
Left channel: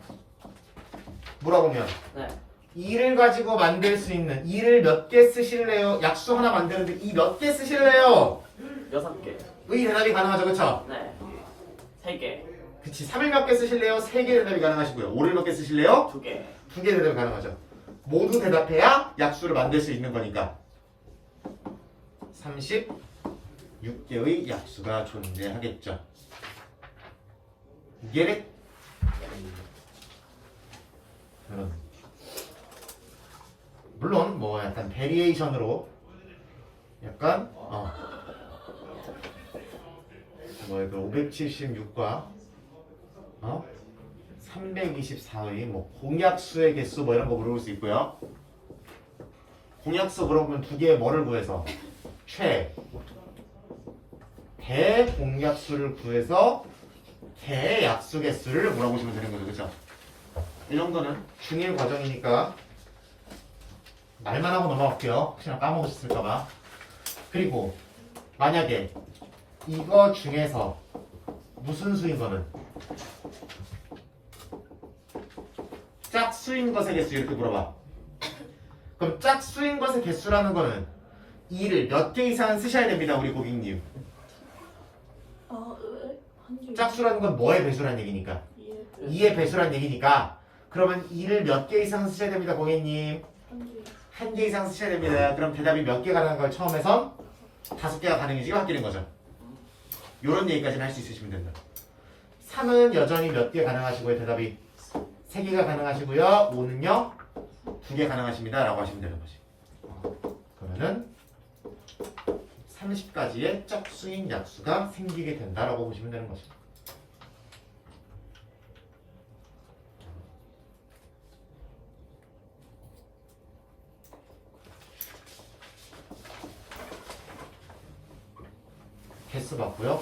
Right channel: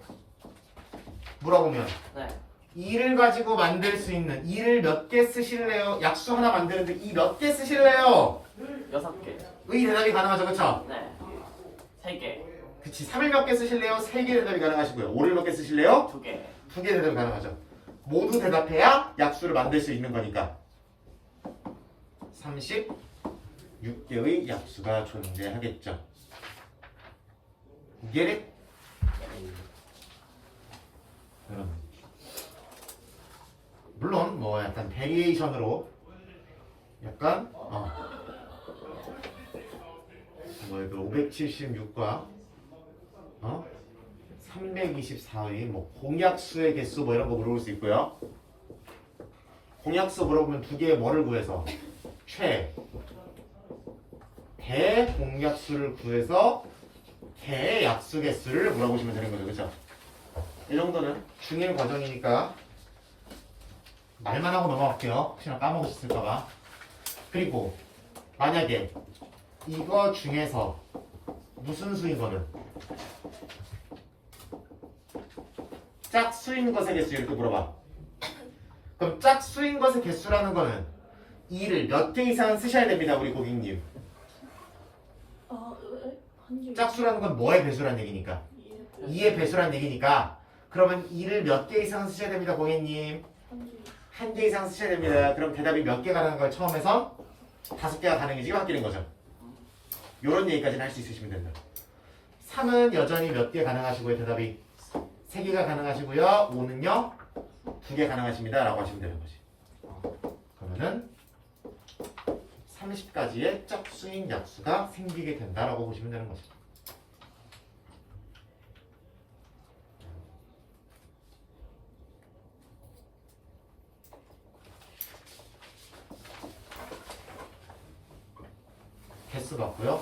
물어보면 네. 2를 가지고 만들 수 있는, 2를 몇 개 쓰실래요? 약수 하나 만드는데 2 몇 개 쓰실래요? 6개. 의 대답이 가능하죠, 그쵸? 네. 3개. 그치. 3을 몇 개 쓰실래요? 3개 대답이 가능하시고요. 5를 몇 개 쓰실래요? 2개. 2개 대답이 가능하죠. 모두 대답해야 약수를 만들 수 있는 거니까 36개의 약수가 존재하겠죠. Get it? 물론 뭐 약간 베리에이션으로 약간 뭐야 그 576과 324의 뭐 공약수의 개수 뭐 이런 거 물어볼 수 있고요. 공약수 물어보면 2개의 뭐를 구해서 대공약수를 구해서 대약수 개수를 물어보시면 되는 거죠, 그렇죠? 이 정도는 중1 과정이니까 말만 하고 넘어갈게요. 혹시나 까먹으셨을까봐. 그리고 만약에 이거 중에서 무슨 수인 거는 짝수인 것의 개수 이렇게 물어봐. 그럼 짝수인 것의 개수라는 거는 2를 몇 개 이상 쓰셔야 됩니다, 우리 고객님. 한 개. 짝수라는 건 뭐의 배수란 얘기니까? 2의 배수란 얘기니까. 그러면 2를 몇 개 이상 쓰셔야 됩니다, 고객님. 한 개 이상 쓰셔야 됩니다. 그럼 대답이 몇 개 가능한 걸 처음에선 5개가 가능해지게 바뀌는 거죠. 요런 얘기까지는 할 수 있으시면 된다. 3은 여전히 몇 개 가능하시고요. 대답이 3개가 가능하시고요. 5는요 2개 가능하십니다 라고 하시면 되는 거지. 그러면은 30가지의 짝수인 약수가 생기게 된다라고 보시면 되는 거죠. 개수 봤고요.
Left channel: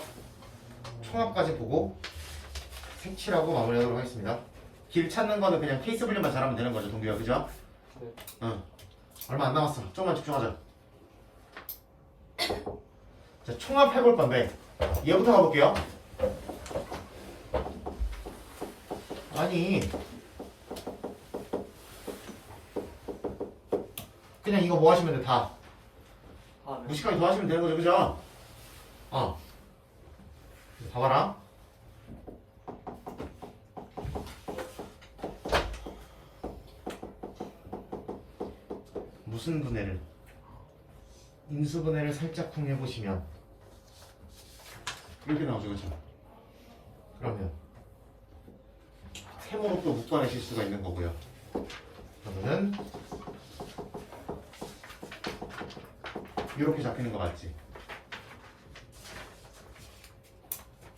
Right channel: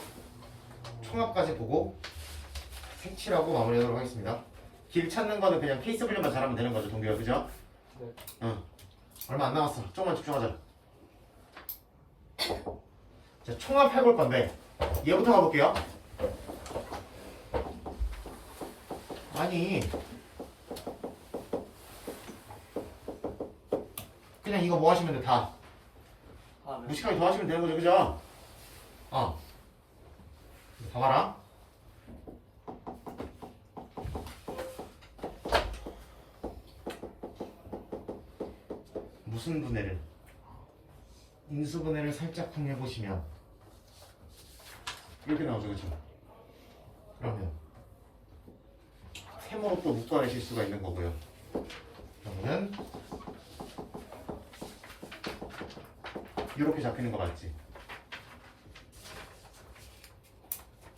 총합까지 보고 색칠하고 마무리하도록 하겠습니다. 길 찾는 거는 그냥 케이스 분류만 잘하면 되는 거죠, 동규야, 그죠? 네. 응. 얼마 안 남았어. 조금만 집중하자. 자, 총합 해볼 건데 얘부터 가볼게요. 아니 그냥 이거 뭐 하시면 돼, 다 무식하게 더 하시면 되는 거죠, 그죠? 봐봐라. 무슨 분해를? 인수분해를 살짝 해보시면 이렇게 나오죠, 그렇죠? 그러면 세모로 또 묶어내실 수가 있는 거고요. 그러면은 이렇게 잡히는 거 맞지?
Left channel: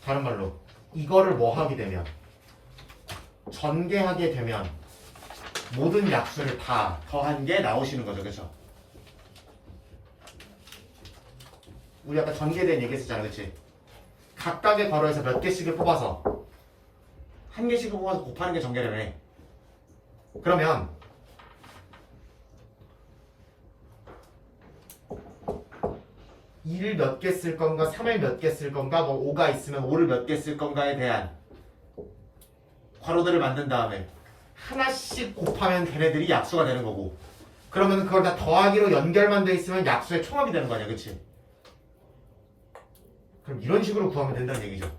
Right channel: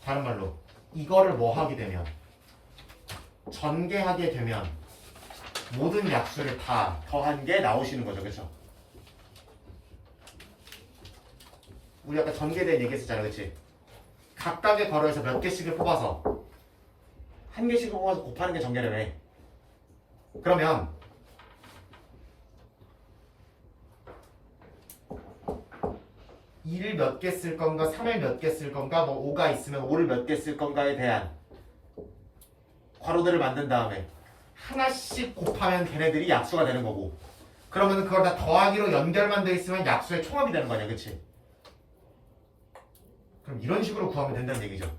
다른 말로 이거를 뭐 하게 되면 전개하게 되면 모든 약수를 다 더한 게 나오시는 거죠. 그렇죠? 우리 아까 전개된 얘기했었잖아. 그렇지? 각각의 괄호에서 몇 개씩을 뽑아서 한 개씩을 뽑아서 곱하는 게 전개라며. 그러면 2를 몇 개 쓸 건가 3을 몇 개 쓸 건가 뭐 5가 있으면 5를 몇 개 쓸 건가에 대한 괄호들을 만든 다음에 하나씩 곱하면 걔네들이 약수가 되는 거고, 그러면 그걸 다 더하기로 연결만 돼 있으면 약수의 총합이 되는 거 아니야. 그치? 그럼 이런 식으로 구하면 된다는 얘기죠.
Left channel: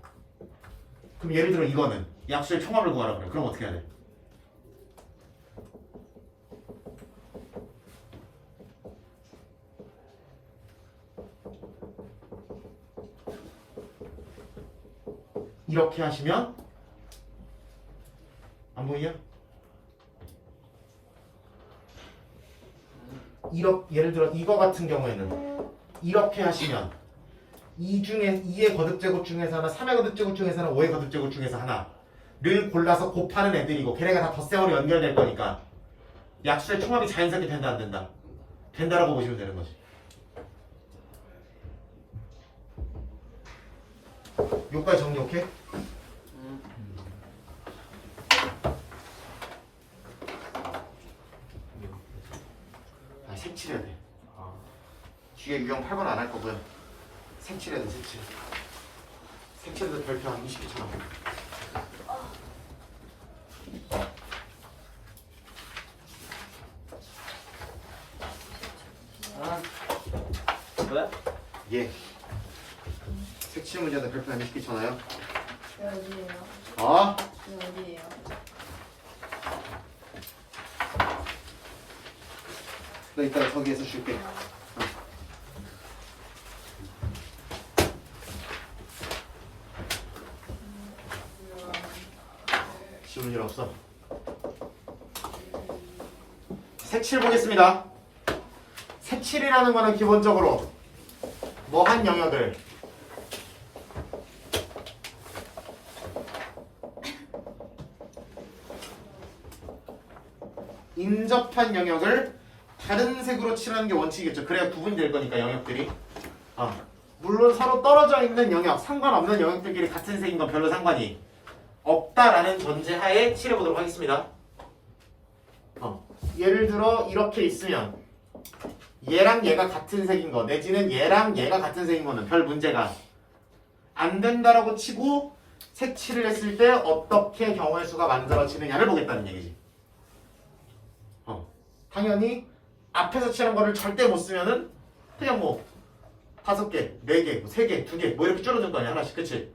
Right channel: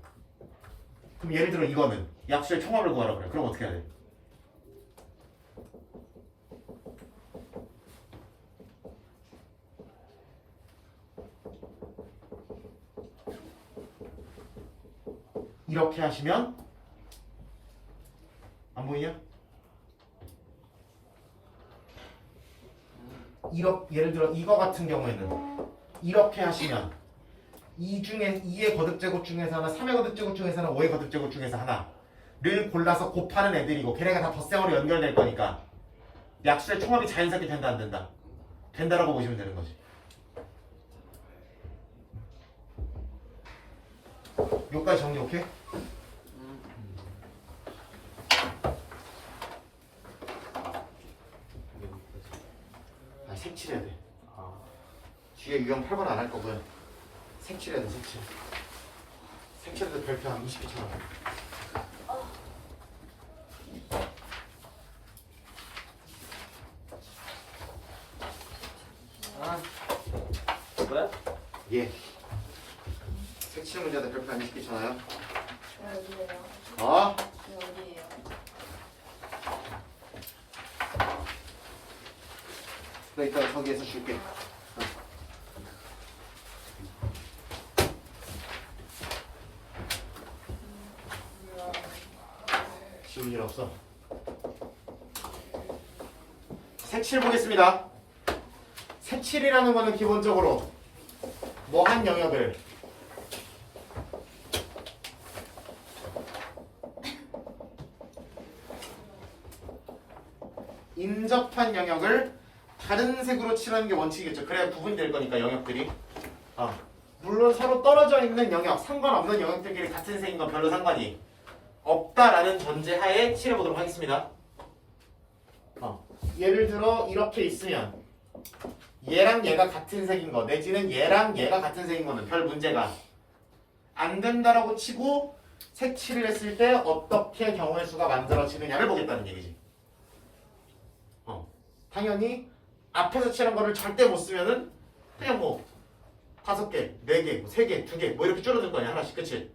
그럼 예를 들어 이거는 약수의 총합을 구하라 그래. 그럼 어떻게 해야 돼? 이렇게 하시면 안 보이냐? 예를 들어 이거 같은 경우에는 이렇게 하시면 2의 거듭제곱 중에서 하나, 3의 거듭제곱 중에서 하나, 5의 거듭제곱 중에서 하나를 골라서 곱하는 애들이고 걔네가 다 덧셈으로 연결될 거니까 약수의 총합이 자연스럽게 된다 안 된다? 된다라고 보시면 되는 거지. 여기까지 정리 오케이? 색칠해야 돼. 뒤에 유형 8번 안 할 거고요. 색칠해야 돼, 색칠. 색칠도 별표 한 20개 쳐놔. 아, 왜? 예. 색칠 문제한테 별표 한 20개 쳐놔요. 어디예요? 어? 어디예요? 너 이따가 거기에서 줄게. 지울 일 없어. 색칠 보겠습니다. 색칠이라는 거는 기본적으로 뭐 한 영역을 인접한 영역을 다른 색으로 칠하는 게 원칙이겠죠. 그래야 구분이 될 거니까 영역들이. 물론 서로 떨어져 있는 영역, 상관없는 영역들끼리 같은 색인 건 별로 상관이 없다라는 전제하에 칠해보도록 하겠습니다. 예를 들어 이렇게 있으면 얘랑 얘가 같은 색인 거 내지는 얘랑 얘가 같은 색인 거는 별 문제가 안 된다라고 치고 색칠을 했을 때 어떻게 경우의 수가 만들어지느냐를 보겠다는 얘기지. 당연히 앞에서 칠한 거를 절대 못 쓰면은 그냥 뭐 5개, 4개, 3개, 2개 뭐 이렇게 줄어들 거 아니야 하나씩. 그치?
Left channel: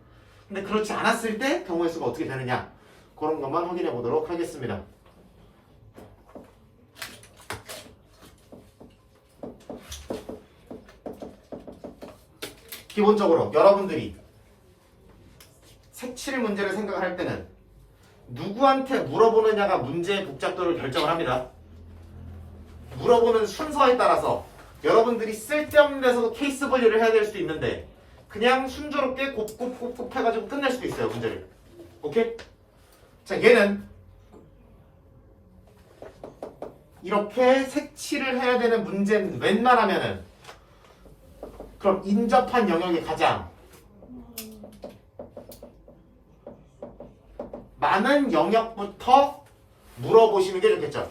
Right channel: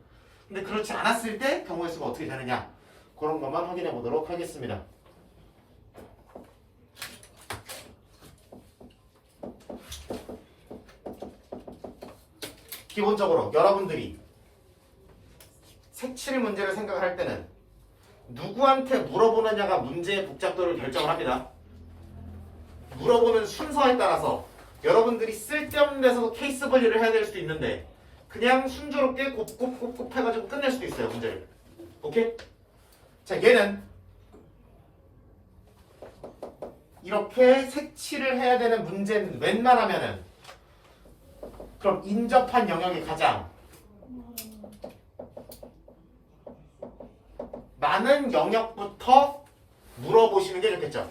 근데 그렇지 않았을 때 경우의 수가 어떻게 되느냐 그런 것만 확인해 보도록 하겠습니다. 기본적으로 여러분들이 색칠 문제를 생각을 할 때는 누구한테 물어보느냐가 문제의 복잡도를 결정을 합니다. 물어보는 순서에 따라서 여러분들이 쓸데없는 데서도 케이스 분류를 해야 될 수도 있는데 그냥 순조롭게 곱곱곱곱 해가지고 끝낼 수도 있어요. 문제를. 오케이? 자, 얘는 이렇게 색칠을 해야 되는 문제는 웬만하면은 그럼 인접한 영역이 가장 많은 영역부터 물어보시는 게 좋겠죠.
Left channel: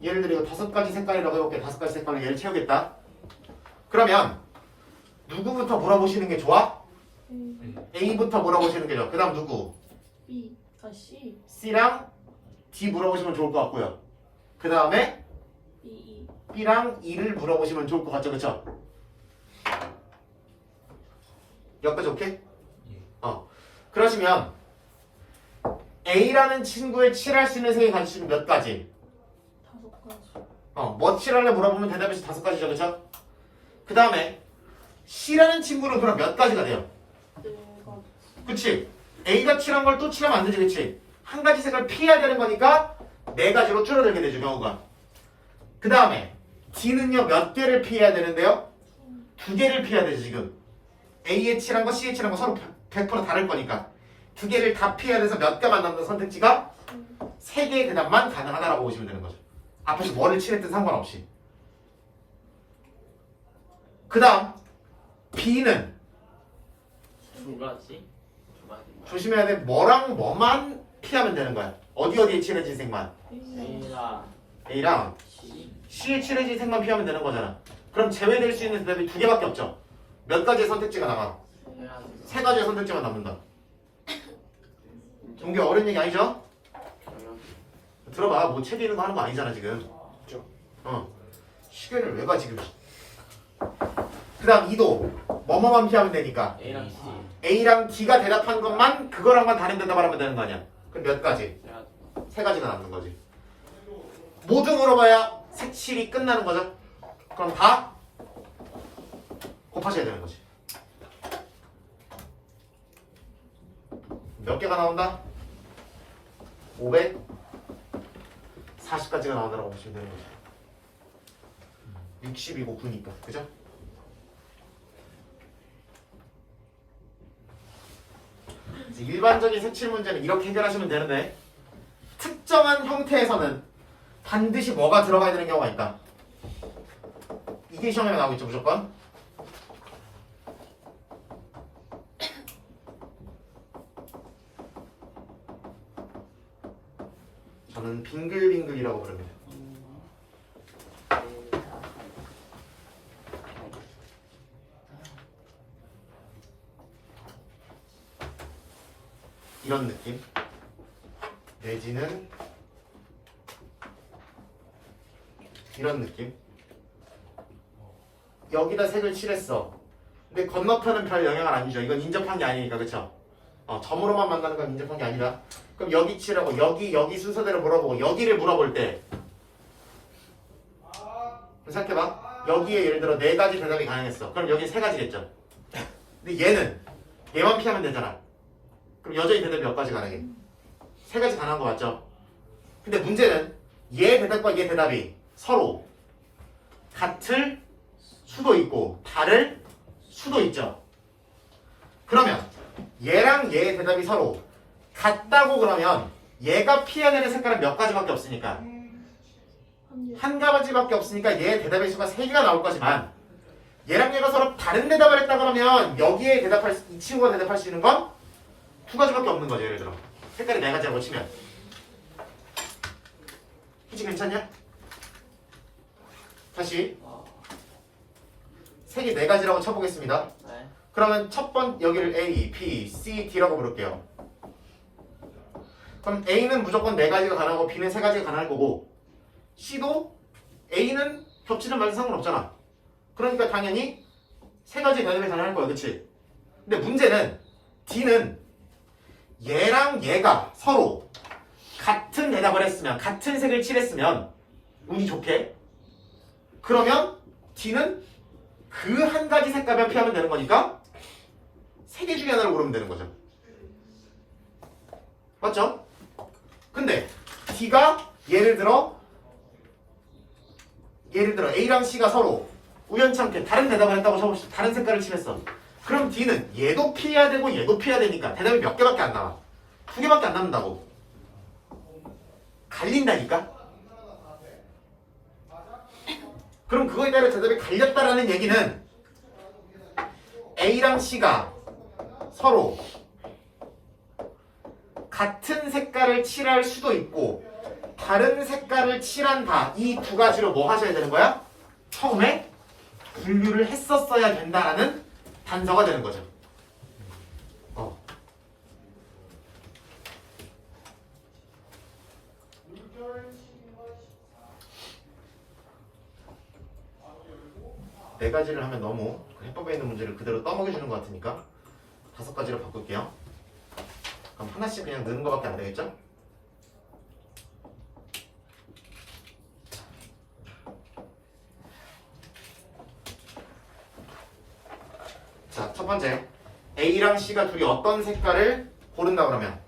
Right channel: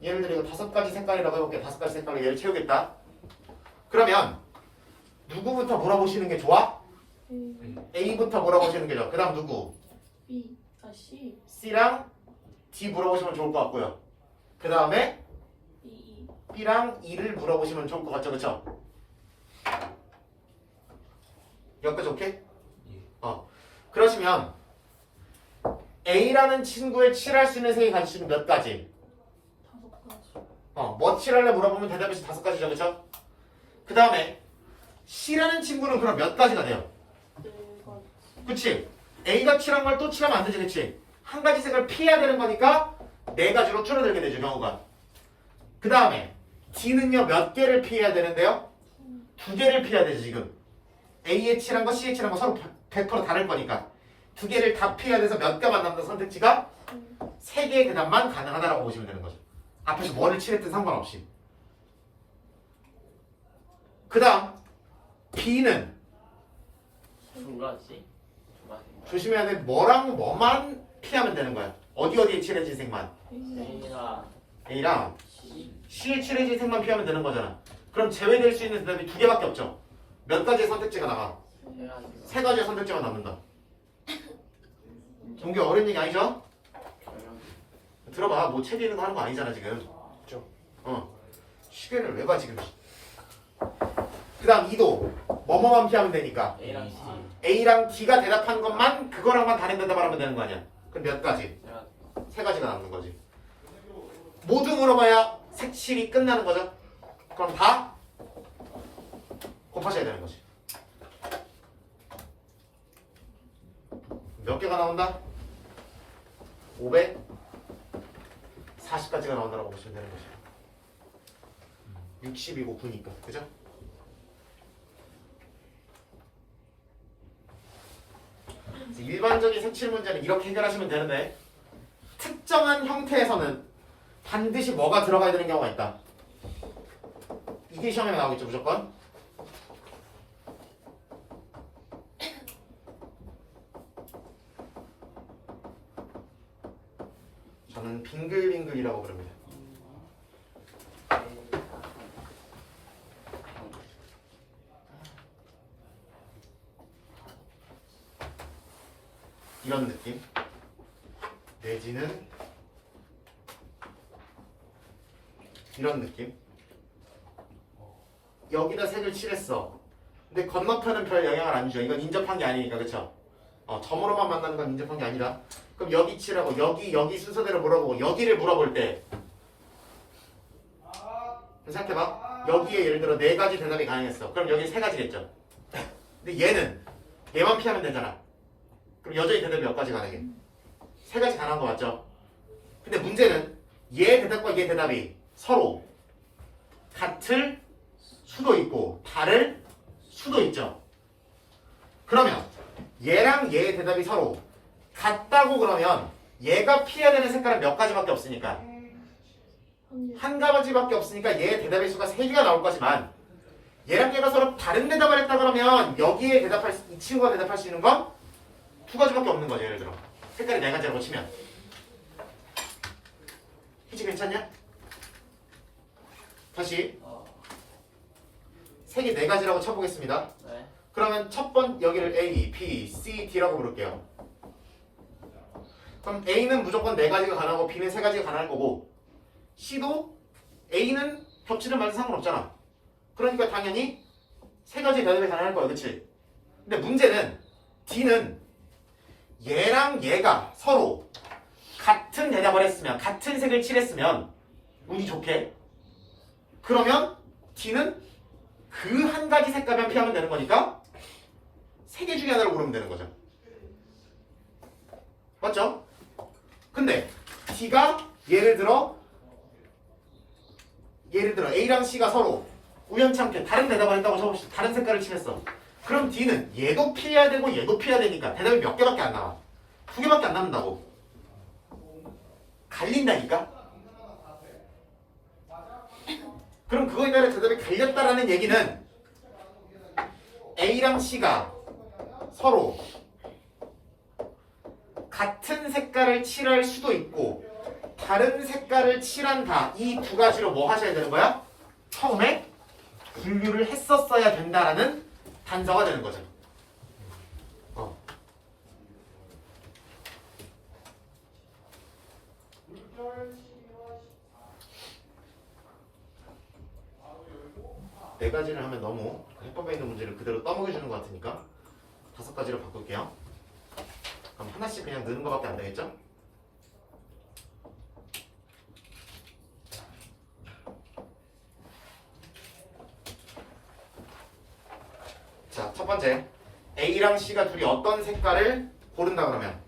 예를 들어 이거 5가지 색깔이라고 해볼게. 5가지 색깔로 얘를 채우겠다. 그러면 누구부터 물어보시는 게 좋아? A부터 물어보시는 게 좋아. 그 다음 누구? B, C, C랑 D 물어보시면 좋을 것 같고요. 그 다음에 E, B랑 E를 물어보시면 좋을 것 같죠. 그쵸? 여기까지 오케이? 그러시면 A라는 친구의 칠할 수 있는 색이 가지고 몇 가지? 5가지. 뭐 칠할래 물어보면 대답이 5가지죠. 그쵸? 그 다음에 C라는 친구는 그럼 몇 가지가 돼요? 4가지. 그치? A가 칠한 걸 또 칠하면 안 되지. 그치? 한 가지 색을 피해야 되는 거니까 4가지로 줄어들게 되죠. 경우가. 그 다음에 D는요 몇 개를 피해야 되는데요? 2개를 피해야 되죠. 지금 A에 칠한 거 C에 칠한 거 서로 100% 다를 거니까 두 개를 다 피해야 돼서 몇 개만 남는 선택지가 세 개의 대답만 가능하다라고 보시면 되는 거죠. 앞에서 뭐를 칠했든 상관없이. 그 다음 B는 두 가지? 두 가지. 조심해야 돼. 뭐랑 뭐만 피하면 되는 거야. 어디에 칠해진 색만. A랑 A랑 C. C에 칠해진 색만 피하면 되는 거잖아. 그럼 제외될 수 있는 대답이 두 개밖에 없죠. 몇 가지의 선택지가 나가? 해야지. 세 가지의 선택지가 남는다. 이게 어려운 얘기 아니죠? 경영. 들어봐. 뭐 책 읽는 거 하는 거 아니잖아 지금. 그렇죠. 시계를 왜 가 지금. 그 다음 2도 뭐뭐만 피하면 되니까 A랑 C. A랑 D가 대답한 것만 그거랑만 다른 대답을 하면 되는 거 아니야. 그럼 몇 가지? 해야지. 세 가지가 남는 거지. 모두 물어봐야 색칠이 끝나는 거죠. 그럼 다 곱하셔야 되는 거지. 몇 개가 나온다? 540까지가 나온다고 보시면 되는 거죠. 60이고 9니까. 그죠? 일반적인 색칠 문제는 이렇게 해결하시면 되는데 특정한 형태에서는 반드시 뭐가 들어가야 되는 경우가 있다. 이게 시험에 나오겠죠 무조건. 저는 빙글빙글이라고 부릅니다. 이런 느낌 내지는 이런 느낌. 여기다 색을 칠했어. 근데 건너편은 별 영향을 안 주죠. 이건 인접한 게 아니니까. 그쵸? 점으로만 만나는 건 인접한 게 아니라. 그럼 여기 칠하고 여기 순서대로 물어보고 여기를 물어볼 때 생각해봐. 여기에 예를 들어 4가지 대답이 가능했어. 그럼 여기 3가지겠죠. 근데 얘만 피하면 되잖아. 그럼 여전히 대답이 몇 가지 가능해? 3가지 가능한 거 맞죠? 근데 문제는 얘 대답과 얘 대답이 서로 같을 수도 있고 다를 수도 있죠. 그러면 얘랑 얘의 대답이 서로 같다고 그러면 얘가 피해야 되는 색깔은 몇 가지밖에 없으니까 한 가지밖에 없으니까 얘의 대답의 수가 3개가 나올 거지만 얘랑 얘가 서로 다른 대답을 했다 그러면 여기에 이 친구가 대답할 수 있는 건 2가지밖에 없는 거죠. 예를 들어 색깔이 4가지라고 치면 희지 괜찮냐? 다시 색이 4가지라고 쳐보겠습니다. 네. 그러면 첫 번 여기를 A, B, C, D라고 부를게요. 그럼 A는 무조건 4가지가 가능하고 B는 3가지가 가능할 거고 C도 A는 겹치든 말든 상관없잖아. 그러니까 당연히 3가지 대답이 가능할 거야. 그치? 근데 문제는 D는 얘랑 얘가 서로 같은 대답을 했으면 같은 색을 칠했으면 운이 좋게 그러면 D는 그 한 가지 색깔만 피하면 되는 거니까 3개 중에 하나를 고르면 되는 거죠. 맞죠? 근데 D가 예를 들어 A랑 C가 서로 우연찮게 다른 대답을 했다고 쳐봅시다. 다른 색깔을 칠했어. 그럼 D는 얘도 피해야 되고 얘도 피해야 되니까 대답이 몇 개밖에 안 나와. 2개밖에 안 남는다고. 갈린다니까? 그럼 그거에 따라 대답이 갈렸다라는 얘기는 A랑 C가 서로 같은 색깔을 칠할 수도 있고 다른 색깔을 칠한다. 이 2가지로 뭐 하셔야 되는 거야? 처음에 분류를 했었어야 된다라는 단서가 되는 거죠. 네 가지를 하면 너무 해법에 있는 문제를 그대로 떠먹여주는 것 같으니까 5가지로 바꿀게요. 그럼 하나씩 그냥 넣는 것밖에 안 되겠죠? 자, 첫 번째 A랑 C가 둘이 어떤 색깔을 고른다 그러면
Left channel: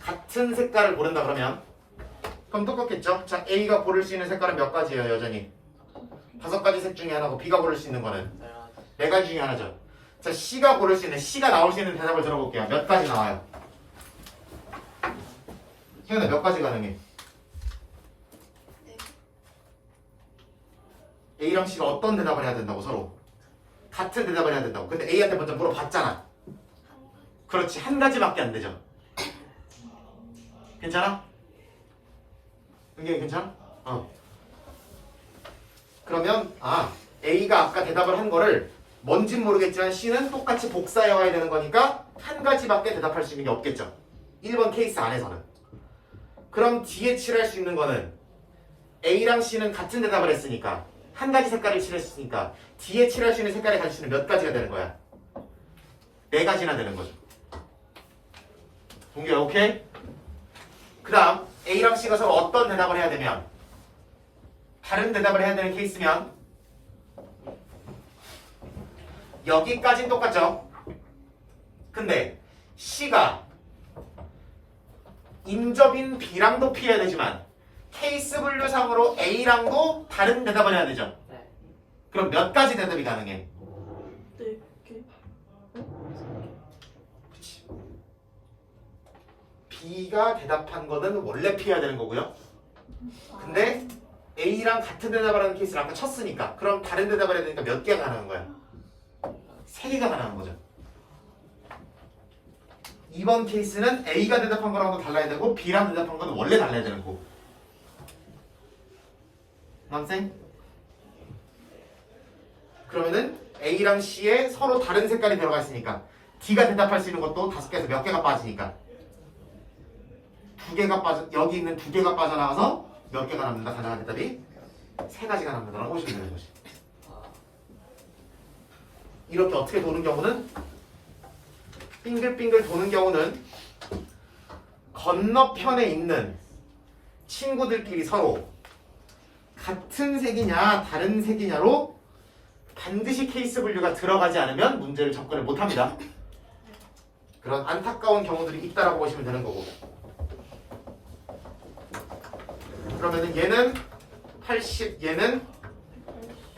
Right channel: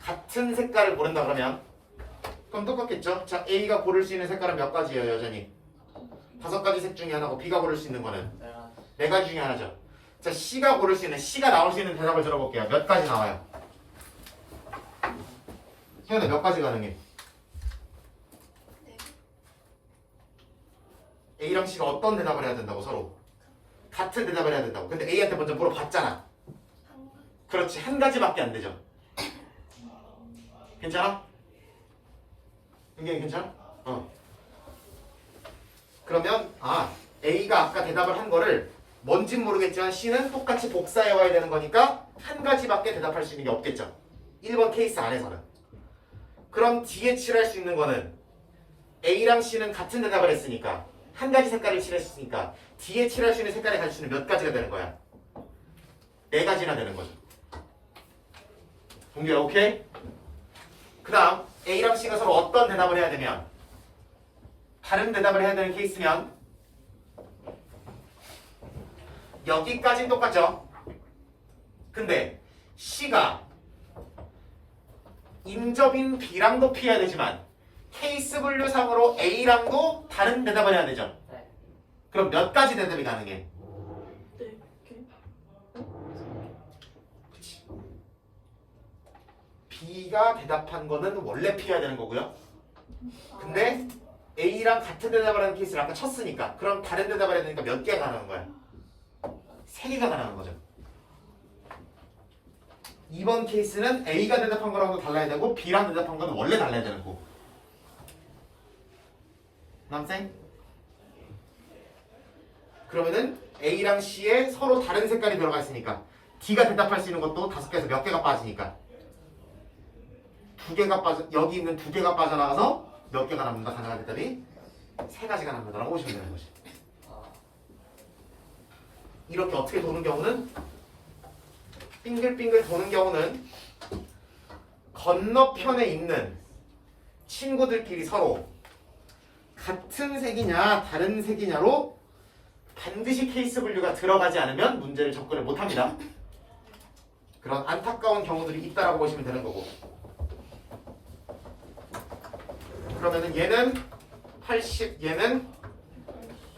같은 색깔을 고른다 그러면 그럼 똑같겠죠? 자, A가 고를 수 있는 색깔은 몇 가지예요? 여전히 5가지 색 중에 하나고 B가 고를 수 있는 거는 4가지 중에 하나죠. 자, C가 고를 수 있는, C가 나올 수 있는 대답을 들어볼게요. 몇 가지 나와요? 혜연아, 몇 가지 가능해? A랑 C가 어떤 대답을 해야 된다고 서로? 같은 대답을 해야 된다고. 근데 A한테 먼저 물어봤잖아. 그렇지, 한 가지밖에 안 되죠. 괜찮아? 이게 괜찮아? 그러면 A가 아까 대답을 한 거를 뭔진 모르겠지만 C는 똑같이 복사해 와야 되는 거니까 한 가지밖에 대답할 수 있는 게 없겠죠. 1번 케이스 안에서는. 그럼 뒤에 칠할 수 있는 거는 A랑 C는 같은 대답을 했으니까 한 가지 색깔을 칠했으니까 뒤에 칠할 수 있는 색깔의 가지수는 몇 가지가 되는 거야? 4가지나 되는 거죠. 동기야, 오케이? 그 다음 A랑 C가 서로 어떤 대답을 해야 되면 다른 대답을 해야 되는 케이스면 여기까지는 똑같죠? 근데 C가 임접인 B랑도 피해야 되지만 케이스 분류상으로 A랑도 다른 대답을 해야 되죠? 네. 그럼 몇 가지 대답이 가능해? 네 개. B가 대답한 거는 원래 피해야 되는 거고요. 근데 A랑 같은 대답을 하는 케이스를 아까 쳤으니까 그럼 다른 대답을 해야 되니까 몇 개가 가능한 거야? 3개가 가능한 거죠. 이번 케이스는 A가 대답한 거랑도 달라야 되고 B랑 대답한 거는 원래 달라야 되는 거고. 남생? 그러면은 A랑 C에 서로 다른 색깔이 들어가 있으니까 D가 대답할 수 있는 것도 5개에서 몇 개가 빠지니까 2개가 빠져, 여기 있는 2개가 빠져나가서 몇 개가 남는다. 가능한 대답이 3가지가 남는다라고 보시면 되는 거지. 이렇게 어떻게 도는 경우는 빙글빙글 도는 경우는 건너편에 있는 친구들끼리 서로 같은 색이냐 다른 색이냐로 반드시 케이스 분류가 들어가지 않으면 문제를 접근을 못합니다. 그런 안타까운 경우들이 있다라고 보시면 되는 거고. 그러면은 얘는 80, 얘는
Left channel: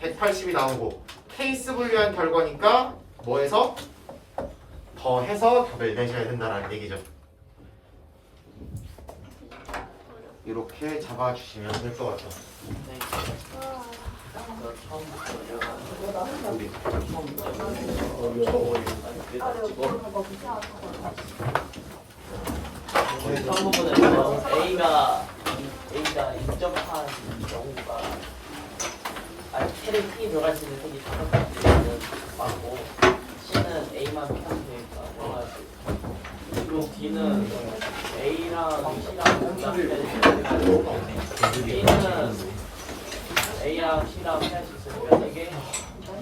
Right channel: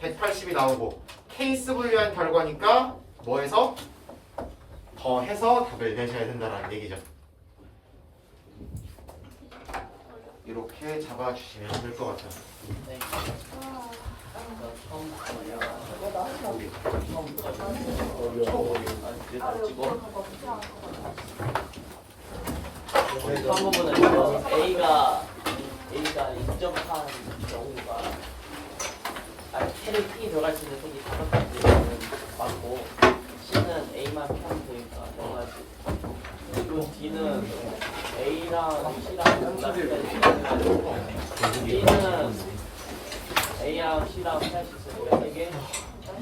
180이 나오고 케이스 분류한 결과니까 뭐해서 더해서 답을 내셔야 된다는 얘기죠. 이렇게 잡아주시면 될 것 같아요. 네. 저 처음부터 우리 처음부터 아니 그래도 찍고 처음 부분에서 A가 인정한 경우가 L에 P 들어갈 수 있는 색이 5가지는 맞고 C는 A만 피하면 되니까 0가지 그리고 D는 A랑 C랑 연락해가지고 B는 A랑 C랑 피할 수 있으니까 3개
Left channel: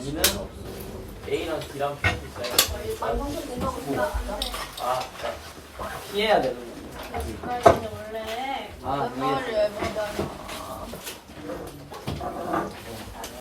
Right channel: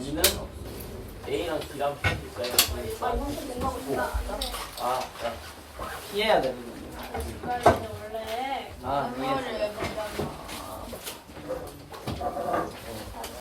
E는 A랑 D랑 피할 수 있어요. 자, 피해야 되는 거예요. 원래 아,